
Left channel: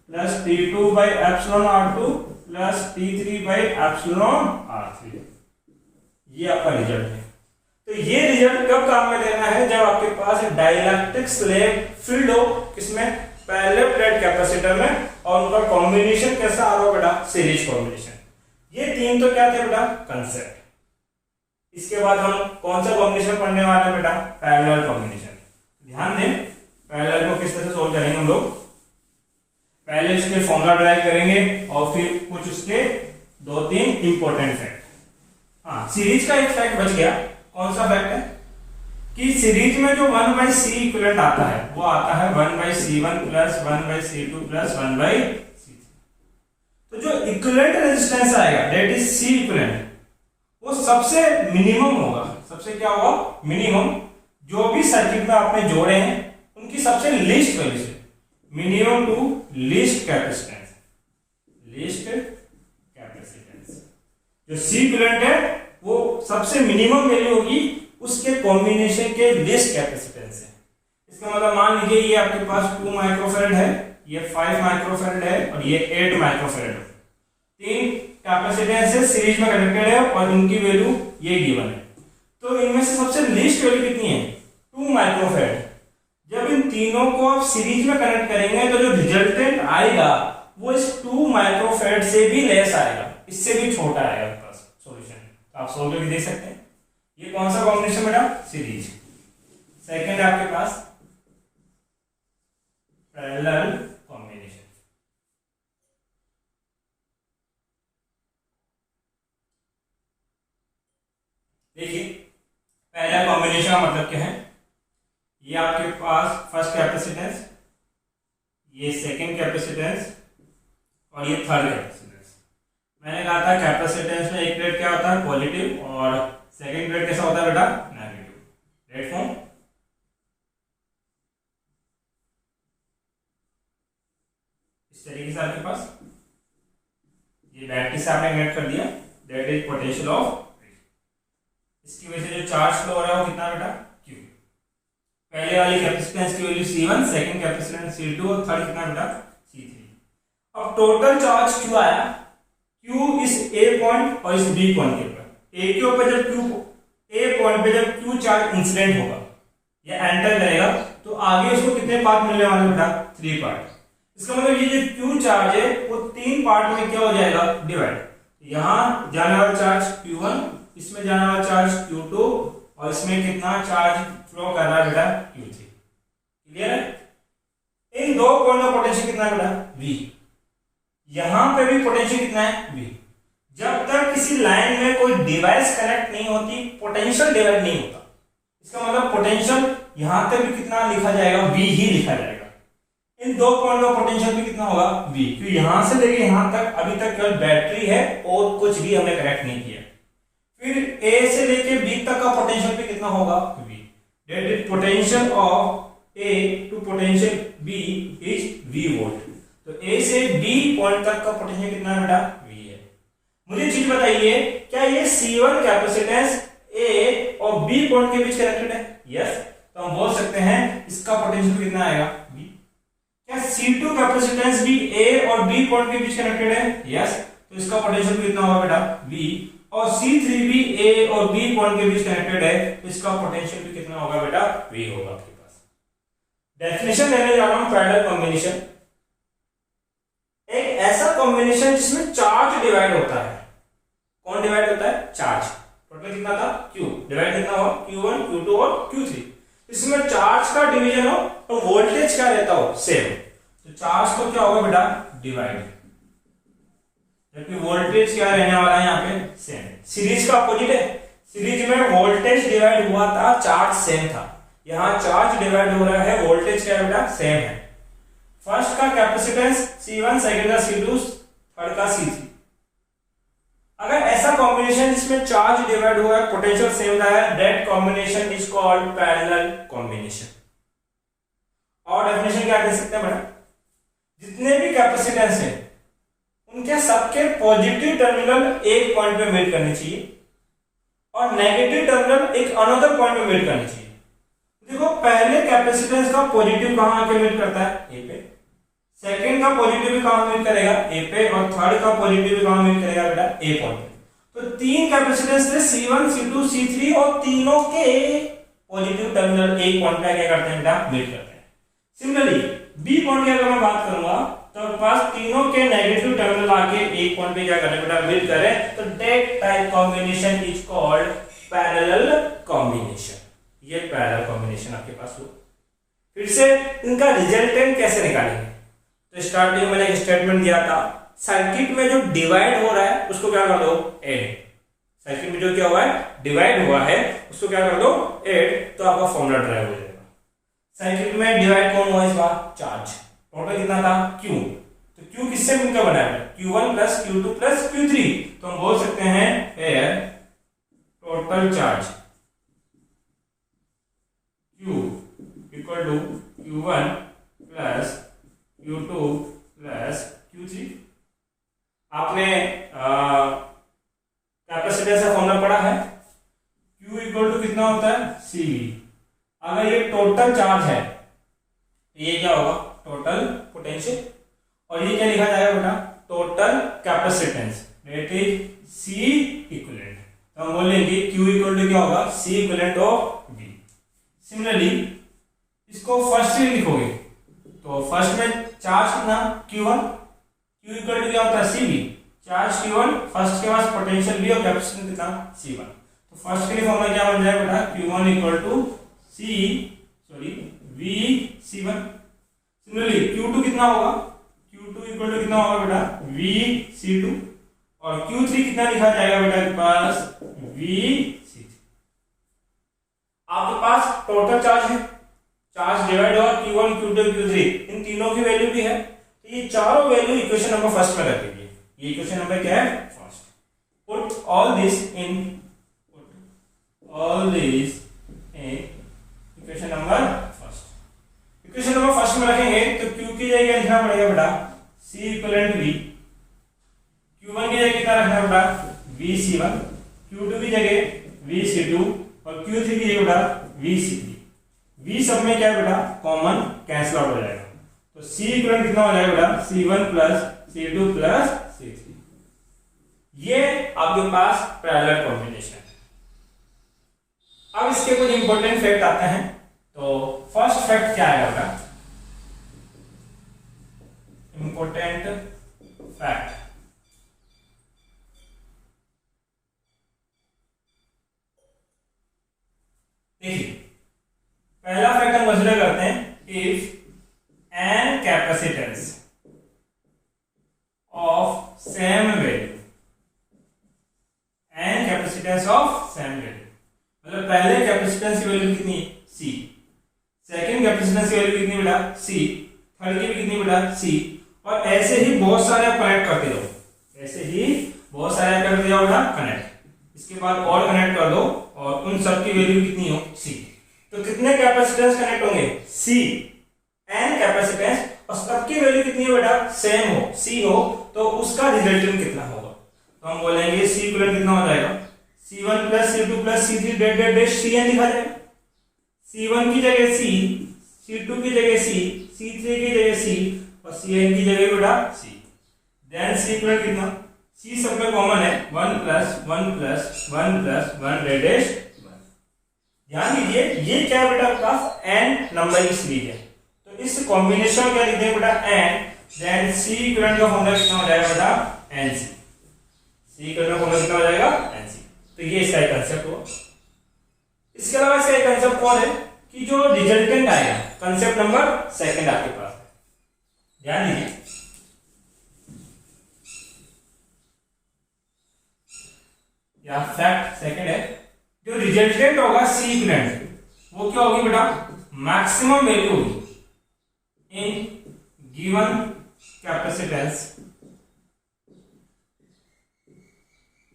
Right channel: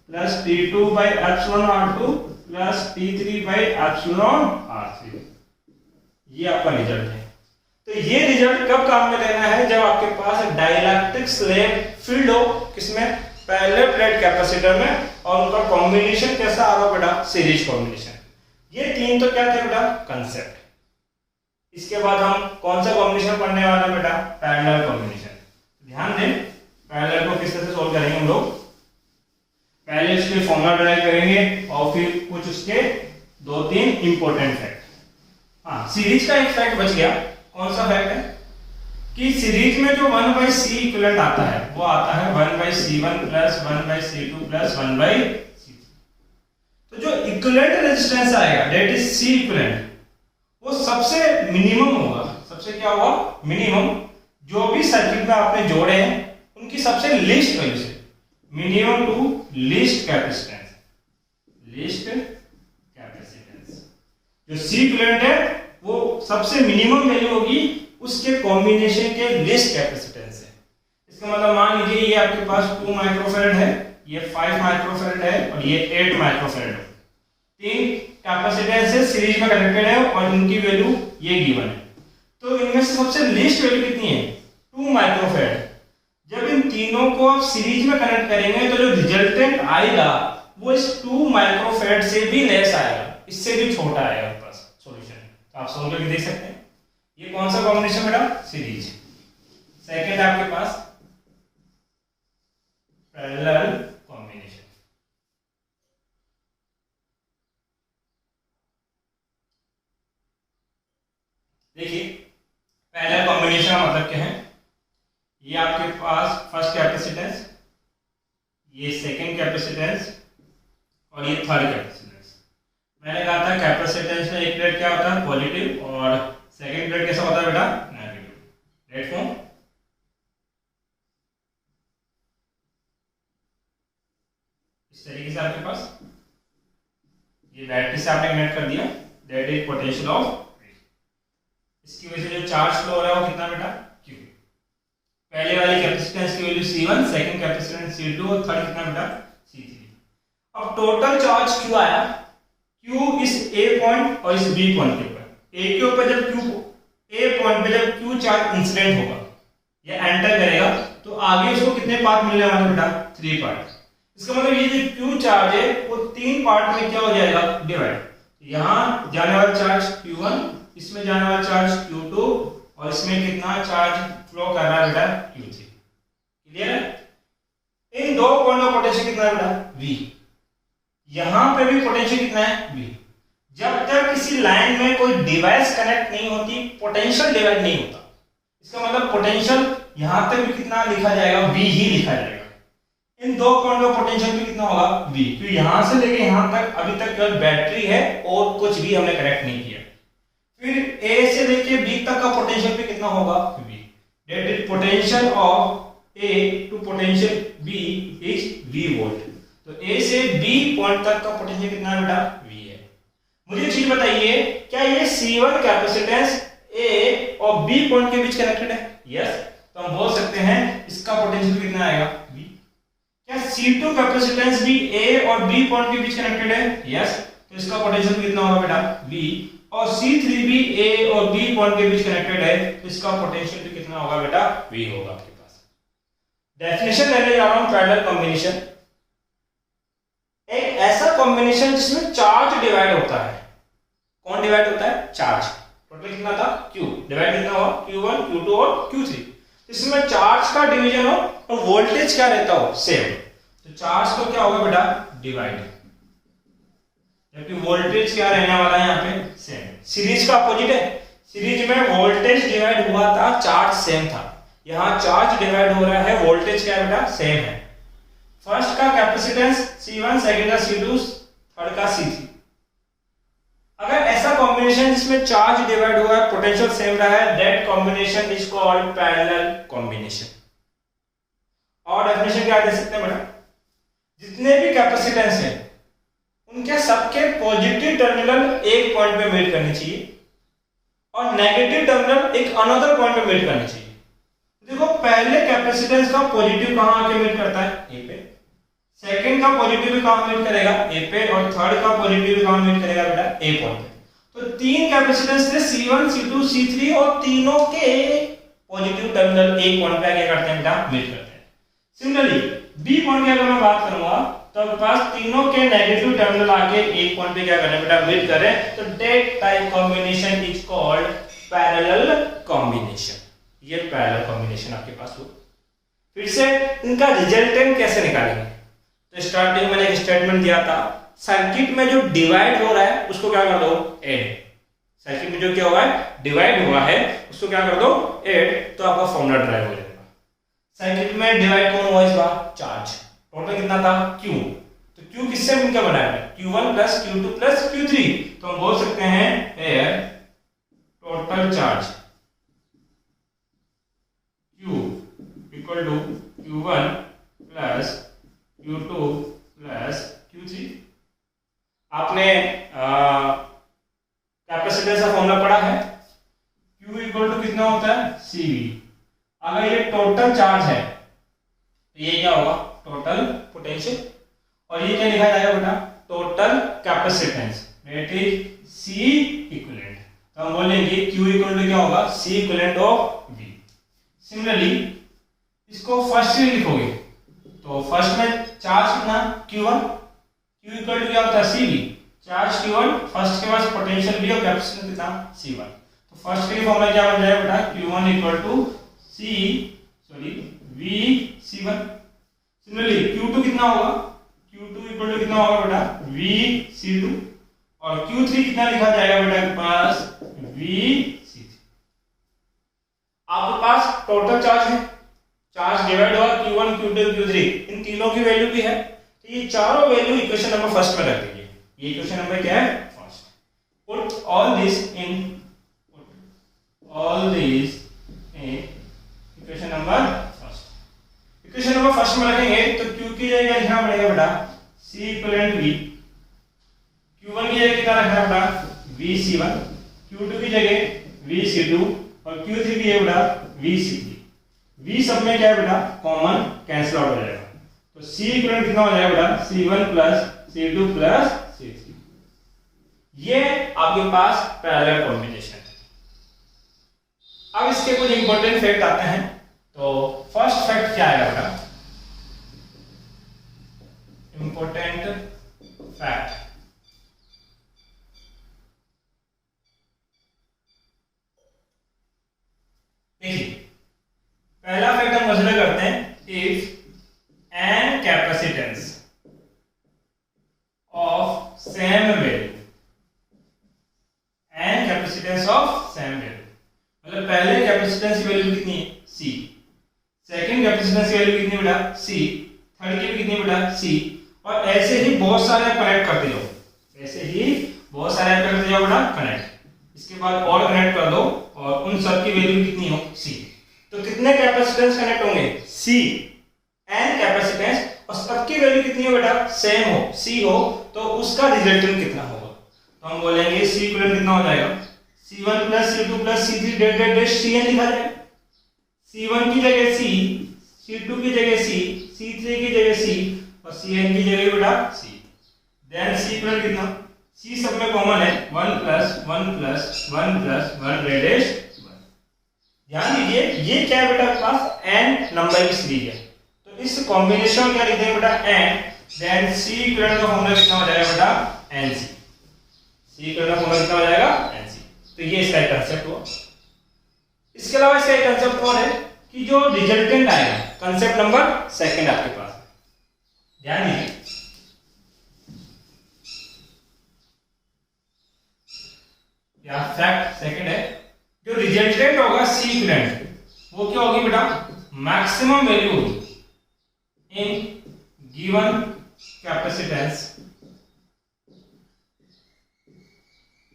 plus T2 by epsilon R2 plus T3 by epsilon R3। ये आपका रिजल्ट है। तो ये रिजल्ट कब काम में लेना है, जब आपके पास डाइलेक्ट्रिक स्लैब फील्ड हो, किसमें, पैरेलल प्लेट कैपेसिटर में, और उनका कॉम्बिनेशन कैसा आ रहा बेटा, सीरीज कॉम्बिनेशन। ये तीन तो क्या थे बेटा, कंसेप्ट। इसके बाद हम कौन सा कॉम्बिनेशन पढ़ने वाले हैं बेटा, पैरेलल कॉम्बिनेशन। ध्यान दें, पैरेलल को किस तरह से सोल्व करेंगे हम लोग, पहले उसके फॉर्मूला ड्राइव करेंगे और फिर कुछ उसके 2-3 इंपॉर्टेंट फैक्ट। हाँ, सीरीज का एक फैक्ट बच गया, कौन सा फैक्ट है कि सीरीज में जो 1/C इक्विवेलेंट आता है वो आता है 1/C1 plus 1/C2 plus 1/C3। तो जो इक्विवेलेंट रेजिस्टेंस आएगा दैट इज C इक्विवेलेंट, वो सबसे मिनिमम होगा, सबसे क्या होगा, मिनिमम। जो भी सर्किट में आपने जोड़े हैं उनकी सबसे लीस्ट वैल्यू से, minimum to least capacitance, least capacitance. जो C इक्विवेलेंट है वो सबसे मिनिमम वैल्यू होगी उसके कॉम्बिनेशन के लीस्ट कैपेसिटेंस है। इसका मतलब मान लीजिए ये आपके पास 2 माइक्रोफैरड है, ये 5 माइक्रोफैरड है और ये 8 माइक्रोफैरड है। तीन कैपेसिटेंस है, सीरीज में कनेक्टेड है और इनकी वैल्यू ये गिवन है। तो इनमें से सबसे लीस्ट वैल्यू कितनी है, 2 माइक्रोफैरड। जब इन तीनों को आप सीरीज में कनेक्ट करेंगे तो जो रिजल्टेंट आएगा वो इस 2 माइक्रोफैरड से भी लेस आएगा, इससे भी छोटा आएगा आपके पास सॉल्यूशन। तो आप सोल्व करके देख सकते हैं। ये कौन सा कॉम्बिनेशन बेटा, सीरीज। सेकंड है आपके पास पैरेलल कॉम्बिनेशन। देखिए पैरेलल कॉम्बिनेशन का मतलब क्या है, ये आपके पास फर्स्ट कैपेसिटेंस, ये सेकंड कैपेसिटेंस और ये थर्ड कैपेसिटेंस। मैंने कहा था कैपेसिटेंस में एक प्लेट क्या होता है, पॉजिटिव, और सेकंड प्लेट कैसा होता है बेटा, नेगेटिव। Right form. इस तरीके से आपके पास ये बैटरी से आपने कनेक्ट कर दिया, दैट इज पोटेंशियल ऑफ। इसकी वजह से जो चार्ज फ्लो हो रहा है वो कितना बेटा, Q। पहले वाली कैपेसिटेंस की value C1, second capacitance C2 और थर्ड कितना बेटा, C3। अब टोटल चार्ज Q आया, Q इस A पॉइंट और इस B पॉइंट के ऊपर। A के ऊपर जब Q, A पॉइंट पे जब Q चार्ज इंसिडेंट होगा या एंटर करेगा तो आगे उसको कितने पार्ट मिलने वाले बेटा, 3 पार्ट। इसका मतलब ये जो Q चार्ज है वो 3 पार्ट में क्या हो जाएगा, डिवाइड। यहां जाने वाला चार्ज Q1, इसमें जाने वाला चार्ज Q2 और इसमें कितना चार्ज फ्लो कर रहा है बेटा, Q3। क्लियर है। इन दो पॉइंट का पोटेंशियल कितना है बेटा, V। यहां पे भी पोटेंशियल कितना है, V। जब तक किसी लाइन में कोई डिवाइस कनेक्ट नहीं होती पोटेंशियल डिवाइड नहीं होता। इसका मतलब पोटेंशियल यहां तक भी कितना लिखा जाएगा, V ही लिखा जाएगा। इन दो पॉइंट का पोटेंशियल भी कितना होगा, V, क्योंकि यहां से लेके यहां तक अभी तक केवल बैटरी है और कुछ भी हमने कनेक्ट नहीं किया। फिर A से लेके B तक का पोटेंशियल भी कितना होगा, V। That is potential of A to potential B is V volt. तो A से B पॉइंट तक का पोटेंशियल कितना है बेटा? V है। मुझे चीज बताइए, क्या ये C1 कैपेसिटेंस A और B पॉइंट के बीच कनेक्टेड है? यस। तो हम बोल सकते हैं इसका पोटेंशियल कितना आएगा? V। क्या C2 कैपेसिटेंस भी A और B पॉइंट के बीच कनेक्टेड है? यस। तो इसका पोटेंशियल कितना होगा बेटा? V। और C3 भी A और B पॉइंट के बीच कनेक्टेड है, तो इसका पोटेंशियल भी कितना होगा बेटा? V होगा आपके पास। डेफिनेशन लेने जा रहा हूं पैरेलल कॉम्बिनेशन। एक ऐसा कॉम्बिनेशन जिसमें चार्ज डिवाइड होता है। कौन डिवाइड होता है? चार्ज। टोटल कितना था? Q। डिवाइड कितना हुआ? Q1, Q2 और Q3। इसमें चार्ज का डिवीजन हो और वोल्टेज क्या रहता हो? सेम। तो चार्ज का क्या होगा बेटा? डिवाइड, जबकि वोल्टेज क्या रहने वाला है यहाँ पे? सेम। सीरीज का अपोजिट है। सीरीज में वोल्टेज डिवाइड हुआ था, चार्ज सेम था। यहाँ चार्ज डिवाइड हो रहा है, वोल्टेज क्या बेटा? सेम है। फर्स्ट का कैपेसिटेंस C1, सेकंड का C2, थर्ड का C3। अगर ऐसा कॉम्बिनेशन जिसमें चार्ज डिवाइड हुआ है, पोटेंशियल सेम रहा है, that combination is called parallel combination. और डेफिनेशन क्या दे सकते हैं बेटा? जितने भी कैपेसिटेंस है उनके सबके पॉजिटिव टर्मिनल एक पॉइंट पे मीट करनी चाहिए और नेगेटिव टर्मिनल एक अनदर पॉइंट पे मीट करनी चाहिए। देखो, पहले कैपेसिटेंस का पॉजिटिव कहां आके मीट करता है? ए पे। सेकंड का पॉजिटिव भी कहां मीट करेगा? ए पे। और थर्ड का पॉजिटिव भी कहां मीट करेगा बेटा? ए पॉइंट पे। तो तीन कैपेसिटेंस थे C1, C2, C3 और तीनों के पॉजिटिव टर्मिनल एक पॉइंट पे क्या करते हैं बेटा? मीट करते हैं। सिमिलरली बी पॉइंट की अगर मैं बात करूंगा तो आपके पास तीनों के नेगेटिव टर्मिनल आके एक पॉइंट पे क्या करने बेटा? मीट कर रहे हैं। तो that type combination is called parallel combination. ये पैरेलल कॉम्बिनेशन आपके पास हो। फिर से इनका रिजल्टेंट कैसे निकालेंगे? तो स्टार्टिंग में एक स्टेटमेंट दिया था, सर्किट में जो डिवाइड हो रहा है उसको क्या कर दो? ऐड। सर्किट में जो क्या हुआ है? डिवाइड हुआ है, उसको क्या कर दो? ऐड। तो आपका फॉर्मूला ड्राइव हो जाएगा। सर्किट में डिवाइड कौन हुआ इस बार? चार्ज। टोटल कितना था? Q। तो Q किससे मिलकर बना है? Q1 plus Q2 plus Q3। तो हम बोल सकते हैं एयर total charge Q equal to Q1 plus Q2 plus Q3। आपने कैपेसिटेंस का फॉर्मूला पढ़ा है। Q इक्वल टू कितना होता है? CV। अगर ये टोटल चार्ज है तो ये क्या होगा? Total potential. और ये क्या लिखा जाएगा बेटा? Total capacitance, that is C equivalent. तो हम बोलेंगे Q इक्वल टू क्या होगा? C equivalent of V। Similarly इसको फर्स्ट में लिखोगे तो फर्स्ट में चार्ज कितना? Q1। Q इक्वल टू क्या होता है? CV। चार्ज Q1, फर्स्ट के पास पोटेंशियल V और कैपेसिटेंस कितना? C1। तो फर्स्ट के लिए फॉर्मूला क्या बन जाएगा बेटा? Q1 equal to V C1। Similarly Q2 कितना होगा? Q2 इक्वल टू कितना होगा बेटा? V C2। और Q3 कितना लिखा जाएगा बेटा के पास? V C3। आपके पास टोटल चार्ज है, चार्ज डिवाइड हुआ Q1, Q2, Q3, इन तीनों की वैल्यू भी है। तो ये चारों वैल्यू इक्वेशन नंबर फर्स्ट में रख दीजिए। ये इक्वेशन नंबर क्या है? First. Put all this in equation number first. Equation number first में रखेंगे तो Q की जगह लिखना पड़ेगा बेटा C इक्विवेलेंट V। Q1 की जगह कितना रखना बेटा? V C1। Q2 की जगह V C2 और Q3 की जगह बेटा V C3। V सब में क्या है बेटा? कॉमन, कैंसिल आउट हो जाएगा। तो C इक्विवेलेंट कितना हो जाएगा बेटा? C1 plus C2 plus C3। ये आपके पास पैरेलल कॉम्बिनेशन है। अब इसके कुछ इंपॉर्टेंट फैक्ट आते हैं। तो फर्स्ट फैक्ट क्या है आपका? इंपॉर्टेंट फैक्ट, देखिए पहला फैक्ट हम कंसीडर करते हैं, if n capacitance of same value, n capacitance of same value, मतलब पहले कैपेसिटेंस की वैल्यू कितनी है? C। सेकंड कैपेसिटेंस की वैल्यू कितनी बेटा? C। थर्ड की कितनी बेटा? C। और ऐसे ही बहुत सारे कनेक्ट करते जाओ, ऐसे ही बहुत सारे करते जाओ बेटा कनेक्ट। इसके बाद और कनेक्ट कर दो और उन सब की वैल्यू कितनी हो? C। तो कितने कैपेसिटेंस कनेक्ट होंगे? सी एन कैपेसिटेंस, और सबकी वैल्यू कितनी हो बेटा? सेम हो, सी हो, तो उसका रिजल्टेंट कितना होगा? तो हम बोलेंगे सी इक्विवेलेंट कितना हो जाएगा? C1 plus C2 plus C3 dot dot dot Cn लिखा जाएगा। C1 की जगह C, C2 की जगह C, C3 की जगह C और Cn की जगह बेटा C। देन C इक्विवेलेंट कितना? C सब में कॉमन है, 1 plus 1 plus 1 plus 1 dot dot 1। ध्यान दीजिए ये क्या है बेटा? आपके पास n नंबर की सीरीज है, तो इस कॉम्बिनेशन में क्या लिखते हैं बेटा? n। देन C इक्विवेलेंट का फॉर्मूला कितना हो जाएगा बेटा? Nc। C इक्विवेलेंट का फॉर्मूला कितना हो जाएगा? Nc। तो ये इसका कंसेप्ट हुआ। इसके अलावा इसका एक कंसेप्ट और है कि जो रिजल्टेंट आएगा, कंसेप्ट नंबर सेकंड आपके पास, ध्यान दीजिए। या फैक्ट सेकंड है, जो रिजल्टेंट होगा सी इक्विवेलेंट, वो क्या होगी बेटा? मैक्सिमम वैल्यू होगी इन गिवन कैपेसिटेंस,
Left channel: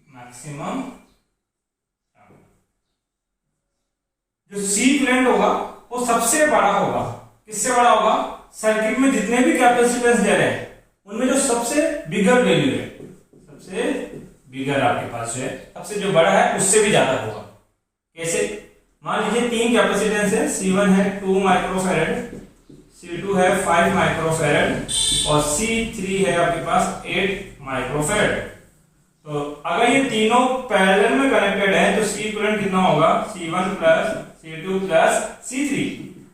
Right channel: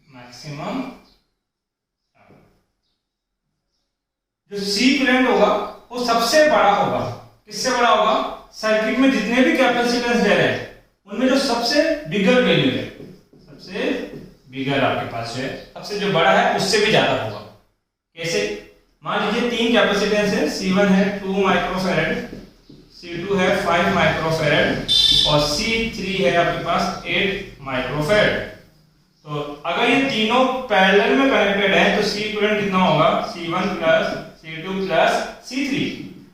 मैक्सिमम जो सी इक्विवेलेंट होगा वो सबसे बड़ा होगा। किससे बड़ा होगा? सर्किट में जितने भी कैपेसिटेंस दे रहे हैं उनमें जो सबसे बिगर वैल्यू है, सबसे बिगर आपके पास है, सबसे जो बड़ा है उससे भी ज्यादा होगा। कैसे? मान लीजिए 3 कैपेसिटेंस है, C1 है 2 माइक्रोफैरड, C2 है 5 माइक्रोफैरड और C3 है आपके पास 8 माइक्रोफैरड। तो अगर ये तीनों पैरेलल में कनेक्टेड है तो C इक्विवेलेंट कितना होगा? C1 plus C2 plus C3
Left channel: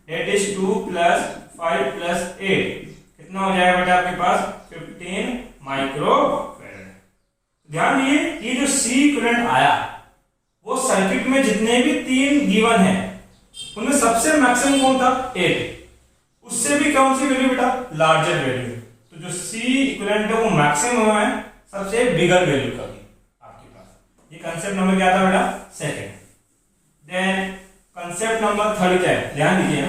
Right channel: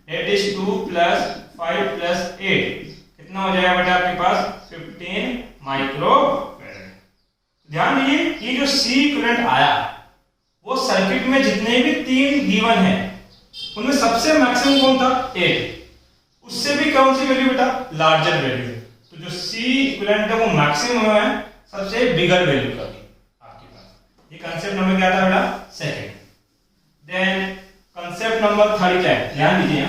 that is 2 plus 5 plus 8 कितना हो जाएगा बेटा आपके पास? 15 माइक्रोफैरड। ध्यान दीजिए ये जो C इक्विवेलेंट आया वो सर्किट में जितने भी 3 गिवन है उनमें सबसे मैक्सिमम कौन था? 8। उससे भी कौन सी वैल्यू बेटा? Larger value. तो जो C इक्विवेलेंट है वो मैक्सिमम है सबसे बिगर वैल्यू का भी आपके पास। ये कंसेप्ट नंबर क्या था बेटा? Second. Then concept number third क्या है? ध्यान दीजिए,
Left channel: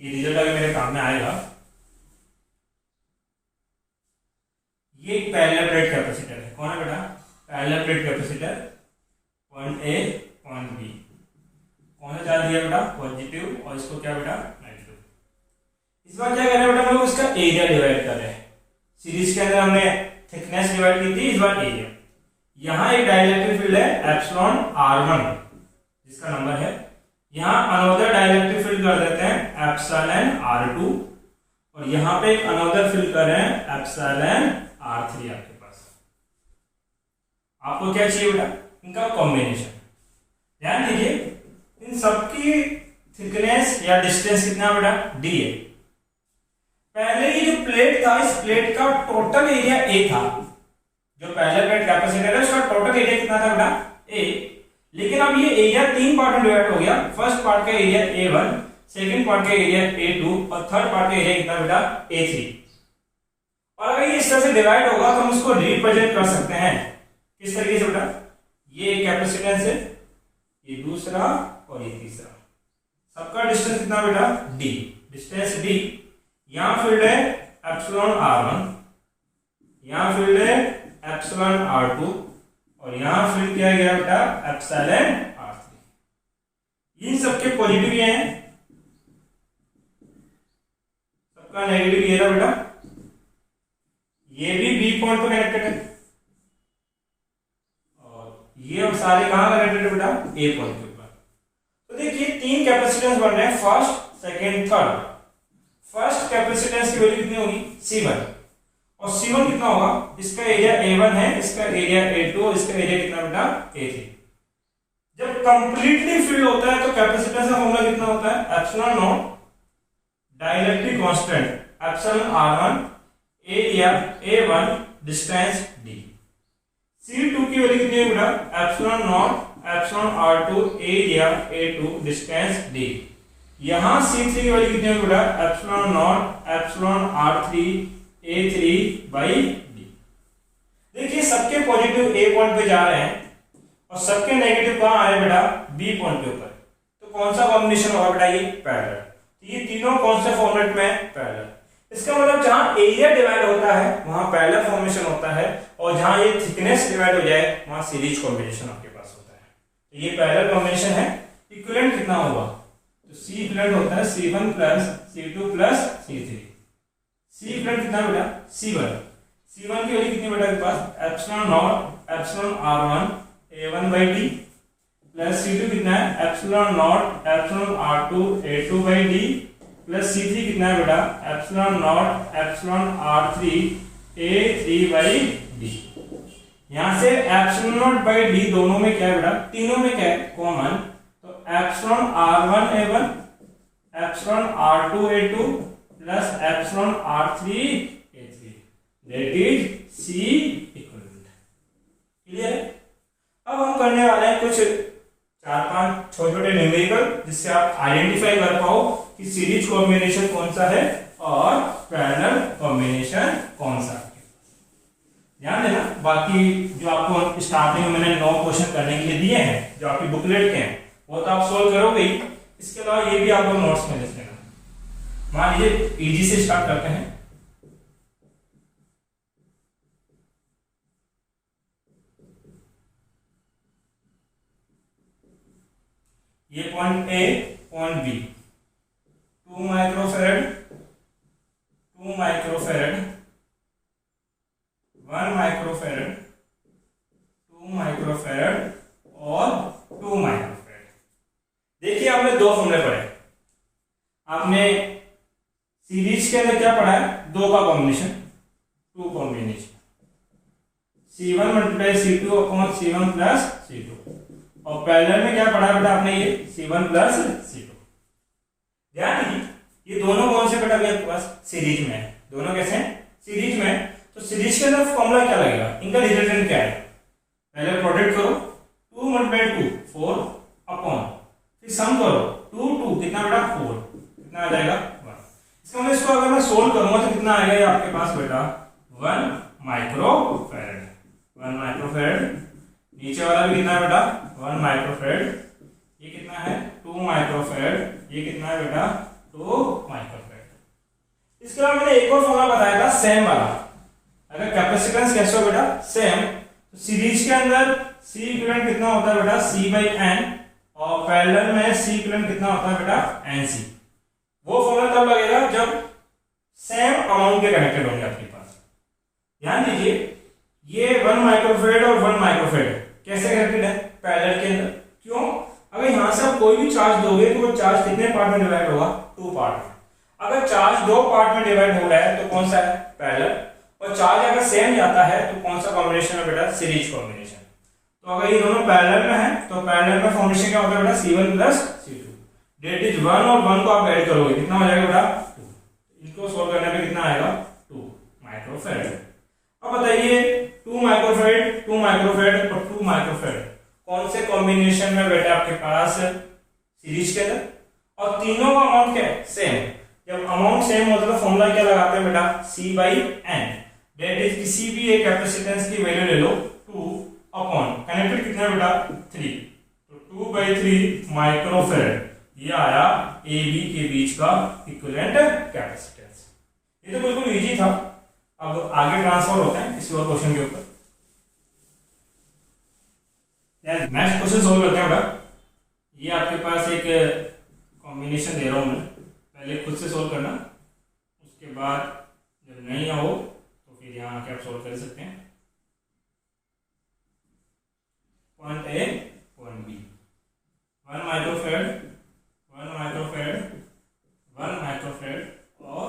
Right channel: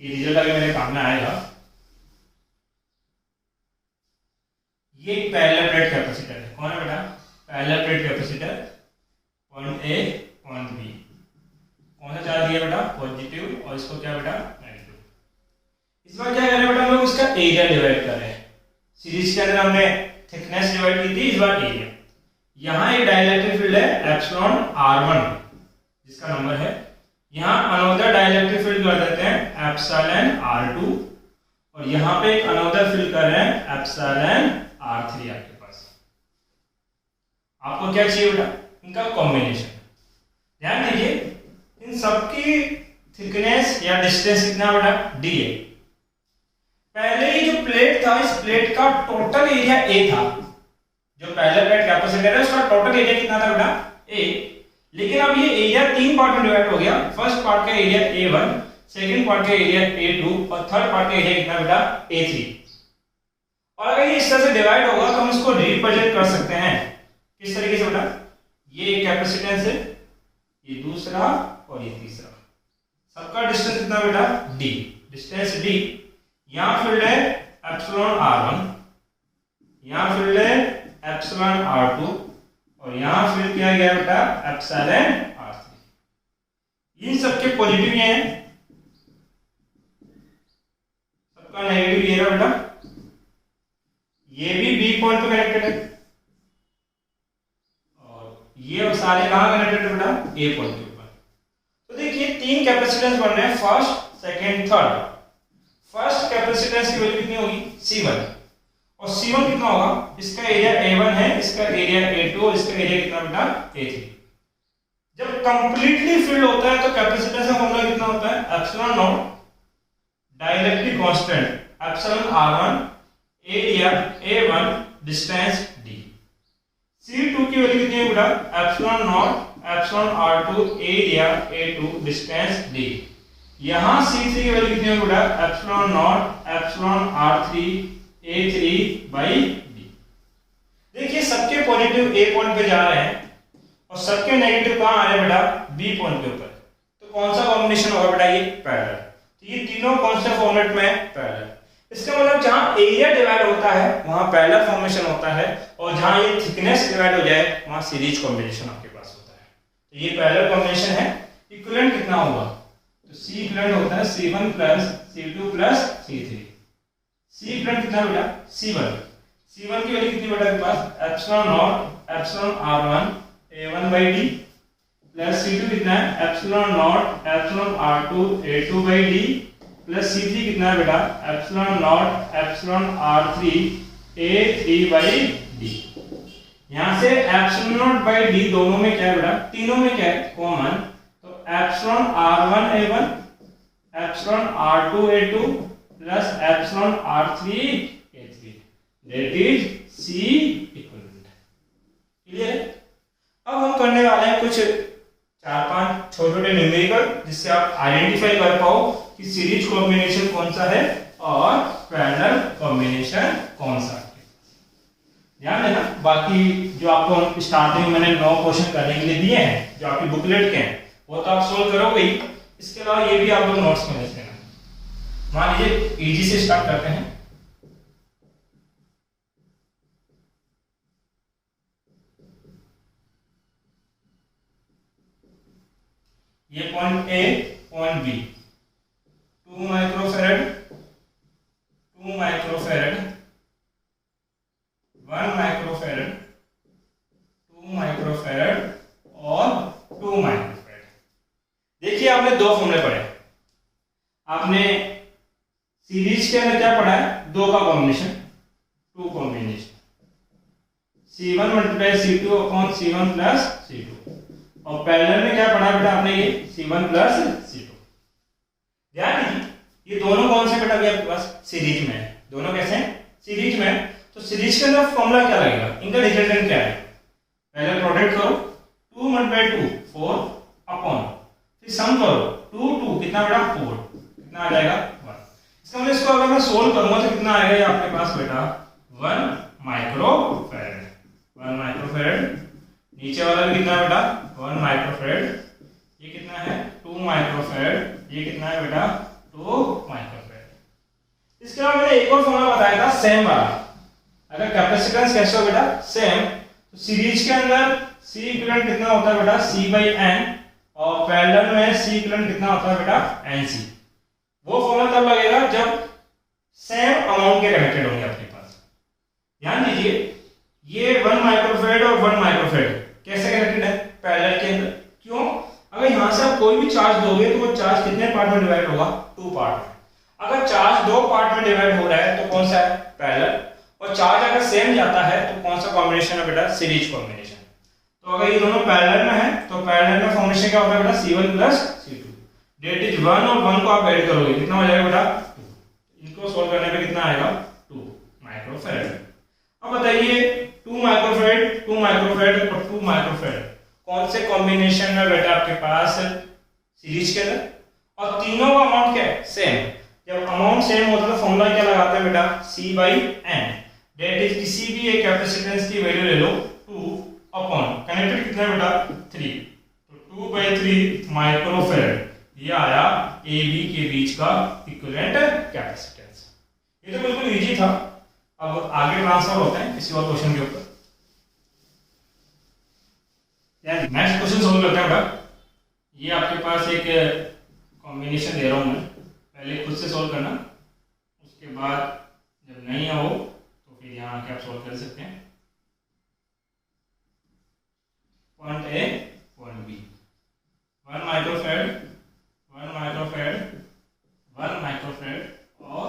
ये रिजल्ट अभी मेरे काम में आएगा। ये एक पैरेलल प्लेट कैपेसिटर है। कौन है बेटा? Parallel plate capacitor, point A point B. कौन सा चार्ज दिया बेटा? पॉजिटिव, और इसको क्या बेटा? नेगेटिव। इस बार क्या कर रहे हैं बेटा? लोग इसका एरिया डिवाइड कर रहे हैं। सीरीज के अंदर हमने थिकनेस डिवाइड की थी, इस बार एरिया। यहां एक डाइलेक्ट्रिक फील्ड है एप्सिलॉन R1 जिसका नंबर है, यहां अनोदर डाइलेक्ट्रिक फील्ड कर देते हैं एप्सिलॉन R2 और यहां पे एक अनोदर फील्ड कर रहे हैं एप्सिलॉन R3 आपके पास। आपको क्या चाहिए बेटा? इनका कॉम्बिनेशन। ध्यान दीजिए इन सबकी थिकनेस या डिस्टेंस कितना बेटा? D है। पहले ही जो प्लेट था इस प्लेट का टोटल एरिया A था, जो पैरेलल प्लेट कैपेसिटर है उसका टोटल एरिया कितना था बेटा? A। लेकिन अब ये एरिया 3 पार्ट में डिवाइड हो गया। फर्स्ट पार्ट का एरिया A1, सेकंड पार्ट का एरिया A2 और थर्ड पार्ट का एरिया कितना बेटा? A3। और अगर ये इस तरह से डिवाइड होगा तो हम इसको रिप्रेजेंट कर सकते हैं किस तरीके से बेटा? ये एक कैपेसिटेंस है, ये दूसरा और ये तीसरा। सबका डिस्टेंस कितना बेटा? D। Distance D। यहां फील्ड है एप्सिलॉन R1, यहां फील्ड है एप्सिलॉन R2 और यहां फील्ड किया गया बेटा एप्सिलॉन R3। इन सबके पॉजिटिव ये हैं, सबका नेगेटिव ये रहा बेटा। ये भी B पॉइंट पे कनेक्टेड है और ये सारे कहां कनेक्टेड है बेटा? A पॉइंट के ऊपर। तो देखिए 3 कैपेसिटेंस बन रहे हैं, first second third. First capacitance की वैल्यू कितनी होगी? C1 और C1 कितना होगा? इसका एरिया A1 है, इसका एरिया A2 और इसका एरिया कितना बेटा? A3। जब कंप्लीटली फिल्ड होता है तो कैपेसिटेंस का फॉर्मूला कितना होता है? Epsilon not dielectric constant epsilon R1 area A1 distance D। C2 की वैल्यू कितनी है बेटा? Epsilon naught epsilon R2 area A2 distance D। यहां C3 की वैल्यू कितनी है बेटा? Epsilon naught epsilon R3 A3 by B। देखिए सबके पॉजिटिव A पॉइंट पे जा रहे हैं और सबके नेगेटिव कहां आ रहे हैं बेटा? B पॉइंट के ऊपर। तो कौन सा कॉम्बिनेशन होगा बेटा? ये पैरेलल। तो ये तीनों कौन से फॉर्मेट में है? पैरेलल। इसका मतलब जहां एरिया डिवाइड होता है वहां पैरेलल फॉर्मेशन होता है और जहां ये थिकनेस डिवाइड हो जाए वहां सीरीज कॉम्बिनेशन आपके पास होता है। तो ये पैरेलल कॉम्बिनेशन है। इक्विवेलेंट कितना होगा, तो सी इक्विवेलेंट होता है C1 plus C2 plus C3। सी इक्विवेलेंट कितना बेटा, C1 की वैल्यू कितनी बेटा आपके पास, epsilon naught epsilon R1 A1 by d, plus C2 कितना है epsilon naught epsilon R2 A2 by d, plus C3 कितना है बेटा epsilon naught epsilon R3 A3 by d. यहां से एप्सिलॉन नॉट बाई डी दोनों में क्या है बेटा, तीनों में क्या है कॉमन, तो epsilon R1 A1 epsilon R2 A2 plus epsilon R3 A3 that is C equivalent. Clear है। अब हम करने वाले हैं कुछ 4-5 छोटे-छोटे न्यूमेरिकल जिससे आप आइडेंटिफाई कर पाओ कि सीरीज कॉम्बिनेशन कौन सा है और पैरेलल कॉम्बिनेशन कौन सा है। ध्यान देना, बाकी जो आपको स्टार्टिंग में मैंने 9 क्वेश्चन करने के लिए दिए हैं जो आपकी बुकलेट के हैं वो तो आप सोल्व करोगे ही, इसके अलावा ये भी आप लोग नोट्स में लिख लेना। मान लीजिए इजी से स्टार्ट करते हैं। ये point A point B 2 microfarad 2 microfarad 1 microfarad 2 microfarad और 2 माइक्रोफैरड। देखिए आपने 2 फॉर्मूले पढ़े, आपने सीरीज के अंदर क्या पढ़ा है, 2 का combination 2 combination C1 multiply C2 upon C1 plus C2, और पैरेलल में क्या पढ़ा बेटा आपने ये C1 प्लस C2। ध्यान दीजिए ये दोनों कौन से बेटा आपके पास सीरीज में है, दोनों कैसे हैं सीरीज में। तो सीरीज के अंदर फॉर्मूला क्या लगेगा, इनका रिजल्टेंट क्या है, पहले प्रोडक्ट करो 2 मल्टीप्लाई 2 4 अपॉन, फिर सम करो 2 2 कितना बेटा 4, कितना आ जाएगा 1। इसका मतलब इसको अगर मैं सोल्व करूंगा तो कितना आएगा ये आपके पास बेटा 1 माइक्रोफैरड 1 माइक्रोफैरड, नीचे वाला भी कितना है बेटा 1 माइक्रोफैरड, ये कितना है 2 माइक्रोफैरड, ये कितना है बेटा 2 माइक्रोफैरड। इसके अलावा मैंने एक और फॉर्मूला बताया था सेम वाला, अगर कैपेसिटेंस कैसे हो बेटा सेम, तो सीरीज के अंदर C इक्विवेलेंट कितना होता है बेटा C बाई N, और पैरेलल में C इक्विवेलेंट कितना होता है बेटा NC। वो फॉर्मूला तब लगेगा जब सेम अमाउंट के कनेक्टेड होंगे आपके पास। ध्यान दीजिए ये 1 माइक्रोफैरड और 1 माइक्रोफैरड कैसे कनेक्टेड है पैरेलल के अंदर, क्यों, अगर यहां से आप कोई भी चार्ज दोगे तो वो चार्ज कितने पार्ट में डिवाइड होगा 2 पार्ट में। अगर चार्ज 2 पार्ट में डिवाइड हो रहा है तो कौन सा है पैरेलल, और चार्ज अगर सेम जाता है तो कौन सा कॉम्बिनेशन है बेटा सीरीज कॉम्बिनेशन। तो अगर ये दोनों पैरेलल में है तो पैरेलल में कॉम्बिनेशन क्या होता है बेटा C1 plus C2 that is 1 और 1 को आप ऐड करोगे कितना हो जाएगा बेटा 2, इनको सोल्व करने पे कितना आएगा 2 माइक्रोफैरड। अब बताइए 2 माइक्रोफैरड 2 माइक्रोफैरड और 2 माइक्रोफैरड कौन से कॉम्बिनेशन में बेटा आपके पास सीरीज के अंदर, और तीनों का अमाउंट क्या है सेम। जब अमाउंट सेम होता है तो फॉर्मूला क्या लगाते हैं बेटा C by N, that is किसी भी एक कैपेसिटेंस की वैल्यू ले लो 2 अपॉन कनेक्टेड कितना है बेटा 3, तो 2 बाई 3 माइक्रोफैरड, ये आया ए बी के बीच का इक्विवेलेंट कैपेसिटेंस। ये तो बिल्कुल इजी था। अब आगे ट्रांसफर होते हैं किसी और क्वेश्चन के ऊपर। नेक्स्ट क्वेश्चन सोल्व करते हैं बेटा। ये आपके पास एक कॉम्बिनेशन दे रहा हूं मैं, पहले खुद से सोल्व करना, उसके बाद जब नहीं हो तो फिर यहाँ आके आप सोल्व कर सकते हैं। Point A point B 1 microfarad 1 microfarad 1 microfarad और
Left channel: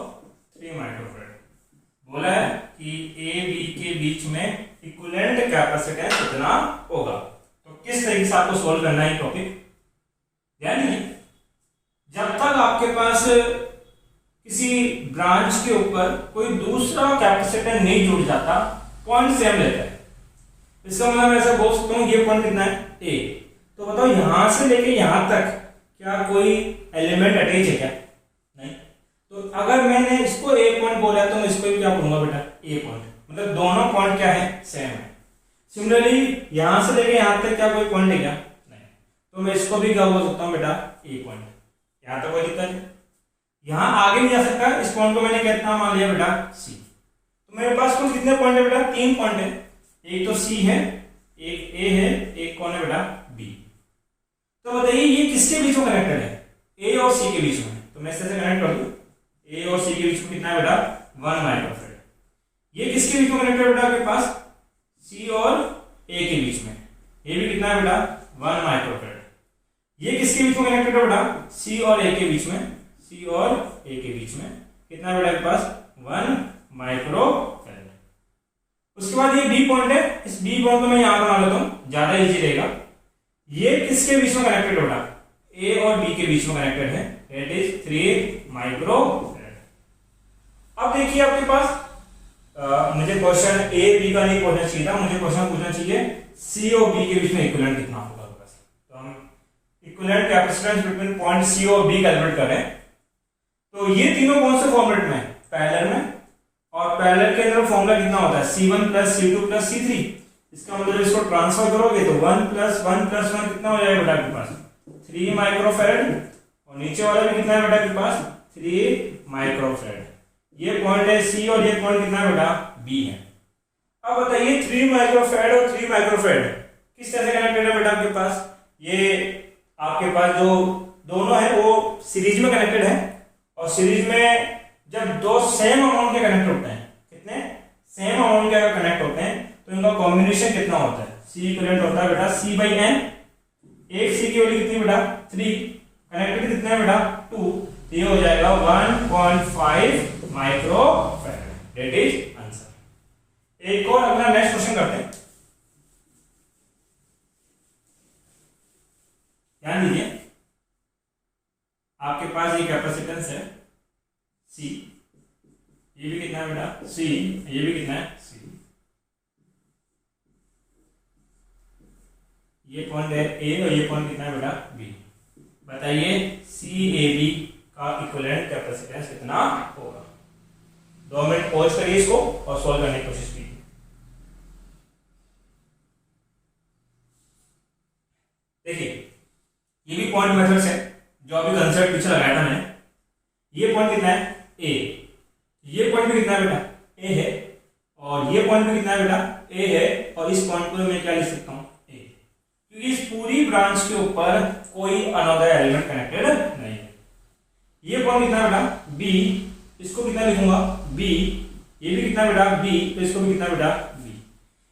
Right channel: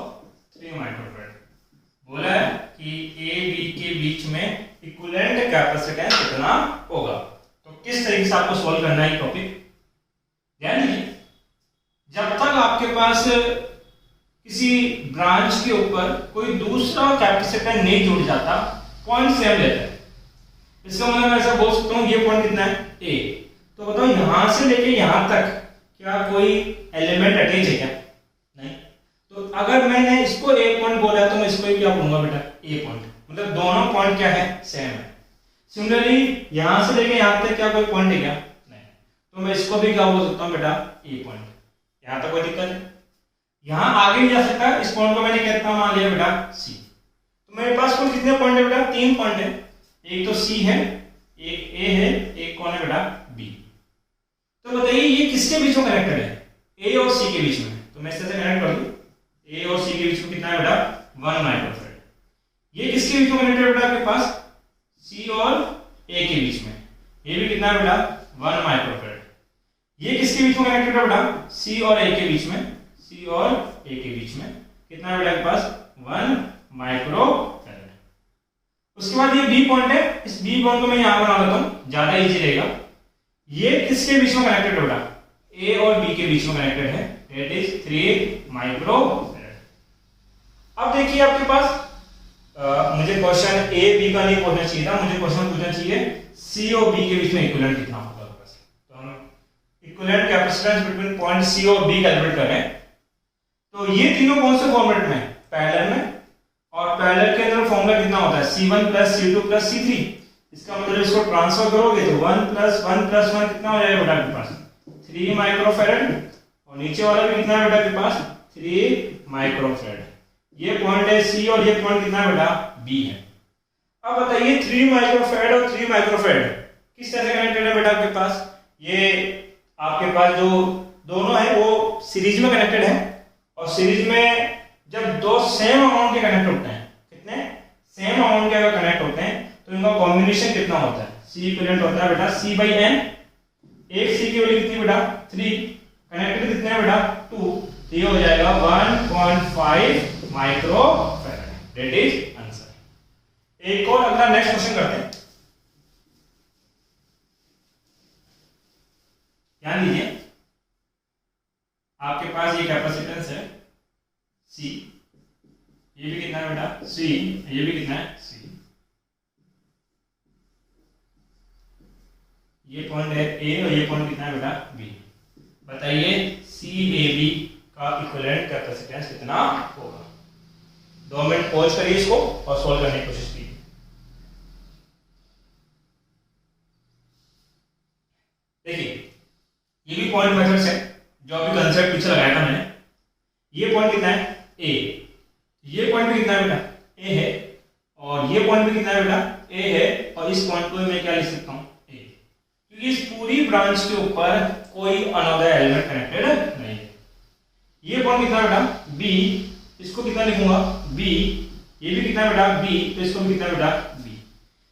3 माइक्रोफैरड। बोला है कि ए बी के बीच में इक्विवेलेंट कैपेसिटेंस कितना होगा। तो किस तरीके से आपको सोल्व करना है टॉपिक, ध्यान दीजिए। जब तक आपके पास किसी ब्रांच के ऊपर कोई दूसरा कैपेसिटर नहीं जुड़ जाता पॉइंट सेम लेता है। इसका मतलब मैं ऐसा बोल सकता हूँ ये पॉइंट कितना है ए, तो बताओ यहां से लेके यहां तक क्या कोई एलिमेंट अटैच है क्या, नहीं। तो अगर मैंने इसको ए पॉइंट बोला तो मैं इसको भी क्या बोलूंगा बेटा ए पॉइंट, मतलब दोनों पॉइंट क्या है सेम है। सिमिलरली यहां से लेके यहां तक क्या कोई पॉइंट है क्या, नहीं। तो मैं इसको भी क्या बोल सकता हूँ बेटा ए पॉइंट, यहां तक कोई दिक्कत है। यहां आगे नहीं जा सकता, इस पॉइंट को मैंने कितना मान लिया बेटा सी। तो मेरे पास कुल कितने पॉइंट है बेटा 3 पॉइंट है, एक तो सी है, एक ए है, एक कौन है बेटा बी। तो बताइए ये किसके बीच में कनेक्टेड है? ए और सी के बीच में। तो मैं इस तरह से कनेक्ट कर दूं, ए और सी के बीच में कितना है बेटा? 1 माइक्रोफेरेड। ये किसके बीच में कनेक्टेड है बेटा आपके पास? सी और ए के बीच में। ये भी कितना है बेटा? 1 माइक्रोफेरेड। ये किसके बीच में कनेक्टेड है बेटा? सी और ए के बीच में। सी और ए के बीच में कितना है बेटा आपके पास? 1 माइक्रोफेरेड। उसके बाद ये बी पॉइंट है, इस बी पॉइंट को मैं यहां बना लेता हूं, ज्यादा इजी रहेगा। ये किसके बीच में कनेक्टेड है बेटा? ए और बी के बीच में कनेक्टेड है, दैट इज 3 माइक्रोफेरेड। अब देखिए आपके पास मुझे क्वेश्चन ए बी का नहीं पूछना चाहिए था, मुझे क्वेश्चन पूछना चाहिए सी और बी के बीच में इक्विवेलेंट कितना होगा। तो हम equivalent capacitance between point C और बी कैलकुलेट कर रहे हैं। तो ये तीनों कौन से फॉर्मेट में? पैरेलल में। और पैरेलल के अंदर फॉर्मूला कितना होता है? C1 + C2 + C3। इसका मतलब इसको ट्रांसफर करोगे तो 1 + 1 + 1 कितना हो जाएगा बेटा आपके पास? 3 माइक्रोफेरेड। और नीचे वाला भी कितना है बेटा आपके पास? 3 माइक्रोफेरेड। ये पॉइंट है सी और ये पॉइंट कितना है बेटा? बी है। अब बताइए 3 माइक्रोफेरेड और 3 माइक्रोफेरेड किस तरह से कनेक्टेड है बेटा आपके पास? ये आपके पास जो दोनों है वो सीरीज में कनेक्टेड है। और सीरीज में जब दो सेम अमाउंट के कनेक्ट होते हैं, कितने सेम अमाउंट के अगर कनेक्ट होते हैं तो इनका कॉम्बिनेशन कितना होता है? C इक्विवेलेंट होता है बेटा C/n। एक C की वैल्यू कितनी बेटा? 3। कनेक्टेड कितने हैं बेटा? 2। तो ये हो जाएगा 1.5 माइक्रोफेरेड। That is answer. एक और अगला नेक्स्ट क्वेश्चन करते हैं। ध्यान दीजिए, आपके पास ये कैपेसिटेंस है C, ये भी कितना है बेटा? C, ये भी कितना है? C। ये पॉइंट है A और ये पॉइंट कितना है बेटा? B। बताइए CAB का इक्विवेलेंट कैपेसिटेंस कितना होगा? 2 मिनट पॉज करिए इसको और सॉल्व करने की कोशिश कीजिए। देखिए ये भी पॉइंट मेथड्स है जो अभी कंसेप्ट पीछे लगाया था मैंने। ये पॉइंट कितना है? A। ये पॉइंट भी कितना है बेटा? A है। और ये पॉइंट भी कितना है बेटा? A है। और इस पॉइंट को मैं क्या लिख सकता हूँ? A। क्योंकि इस पूरी ब्रांच के ऊपर कोई अनदर एलिमेंट कनेक्टेड नहीं है। ये पॉइंट कितना है बेटा? B। इसको कितना लिखूंगा? B। ये भी कितना है बेटा? B। तो इसको भी कितना है बेटा? B।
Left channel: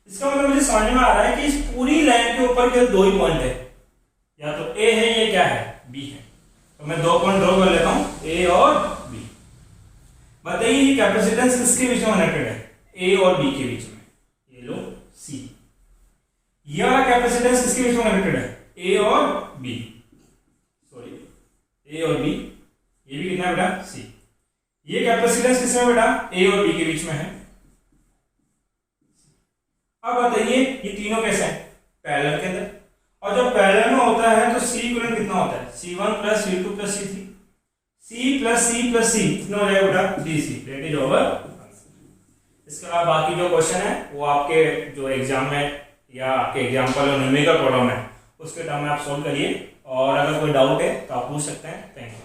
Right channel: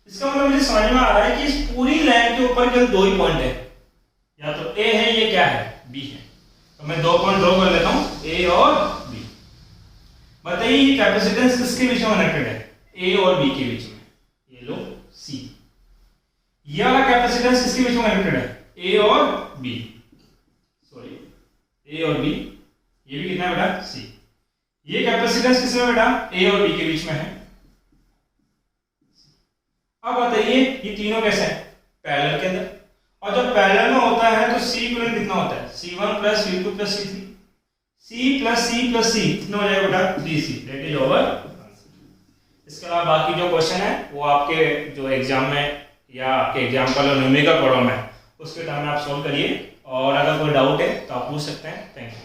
इसका मतलब मुझे समझ में आ रहा है कि इस पूरी लाइन के ऊपर केवल 2 ही पॉइंट है, या तो A है, ये क्या है? B है। तो मैं 2 पॉइंट ड्रॉ कर लेता हूं, A और B। बताइए ये कैपेसिटेंस किसके बीच में कनेक्टेड है? A और B के बीच में। ये लो C। ये वाला कैपेसिटेंस किसके बीच में कनेक्टेड है? A और B। सॉरी, A और B। ये भी कितना है बेटा? C। ये कैपेसिटेंस किसमें बेटा? A और B के बीच में है। अब बताइए ये तीनों कैसे हैं? पैरेलल के अंदर। और जब पैरेलल में होता है तो C इक्विवेलेंट कितना होता है? C1 + C2 + C3। C + C + C कितना हो जाएगा बेटा? 3C। That is over. इसके अलावा बाकी जो क्वेश्चन है वो आपके जो एग्जाम में या आपके एग्जाम्पल और न्यूमेरिकल प्रॉब्लम है उसके टाइम में आप सोल्व करिए। और अगर कोई डाउट है तो आप पूछ सकते हैं। Thank you.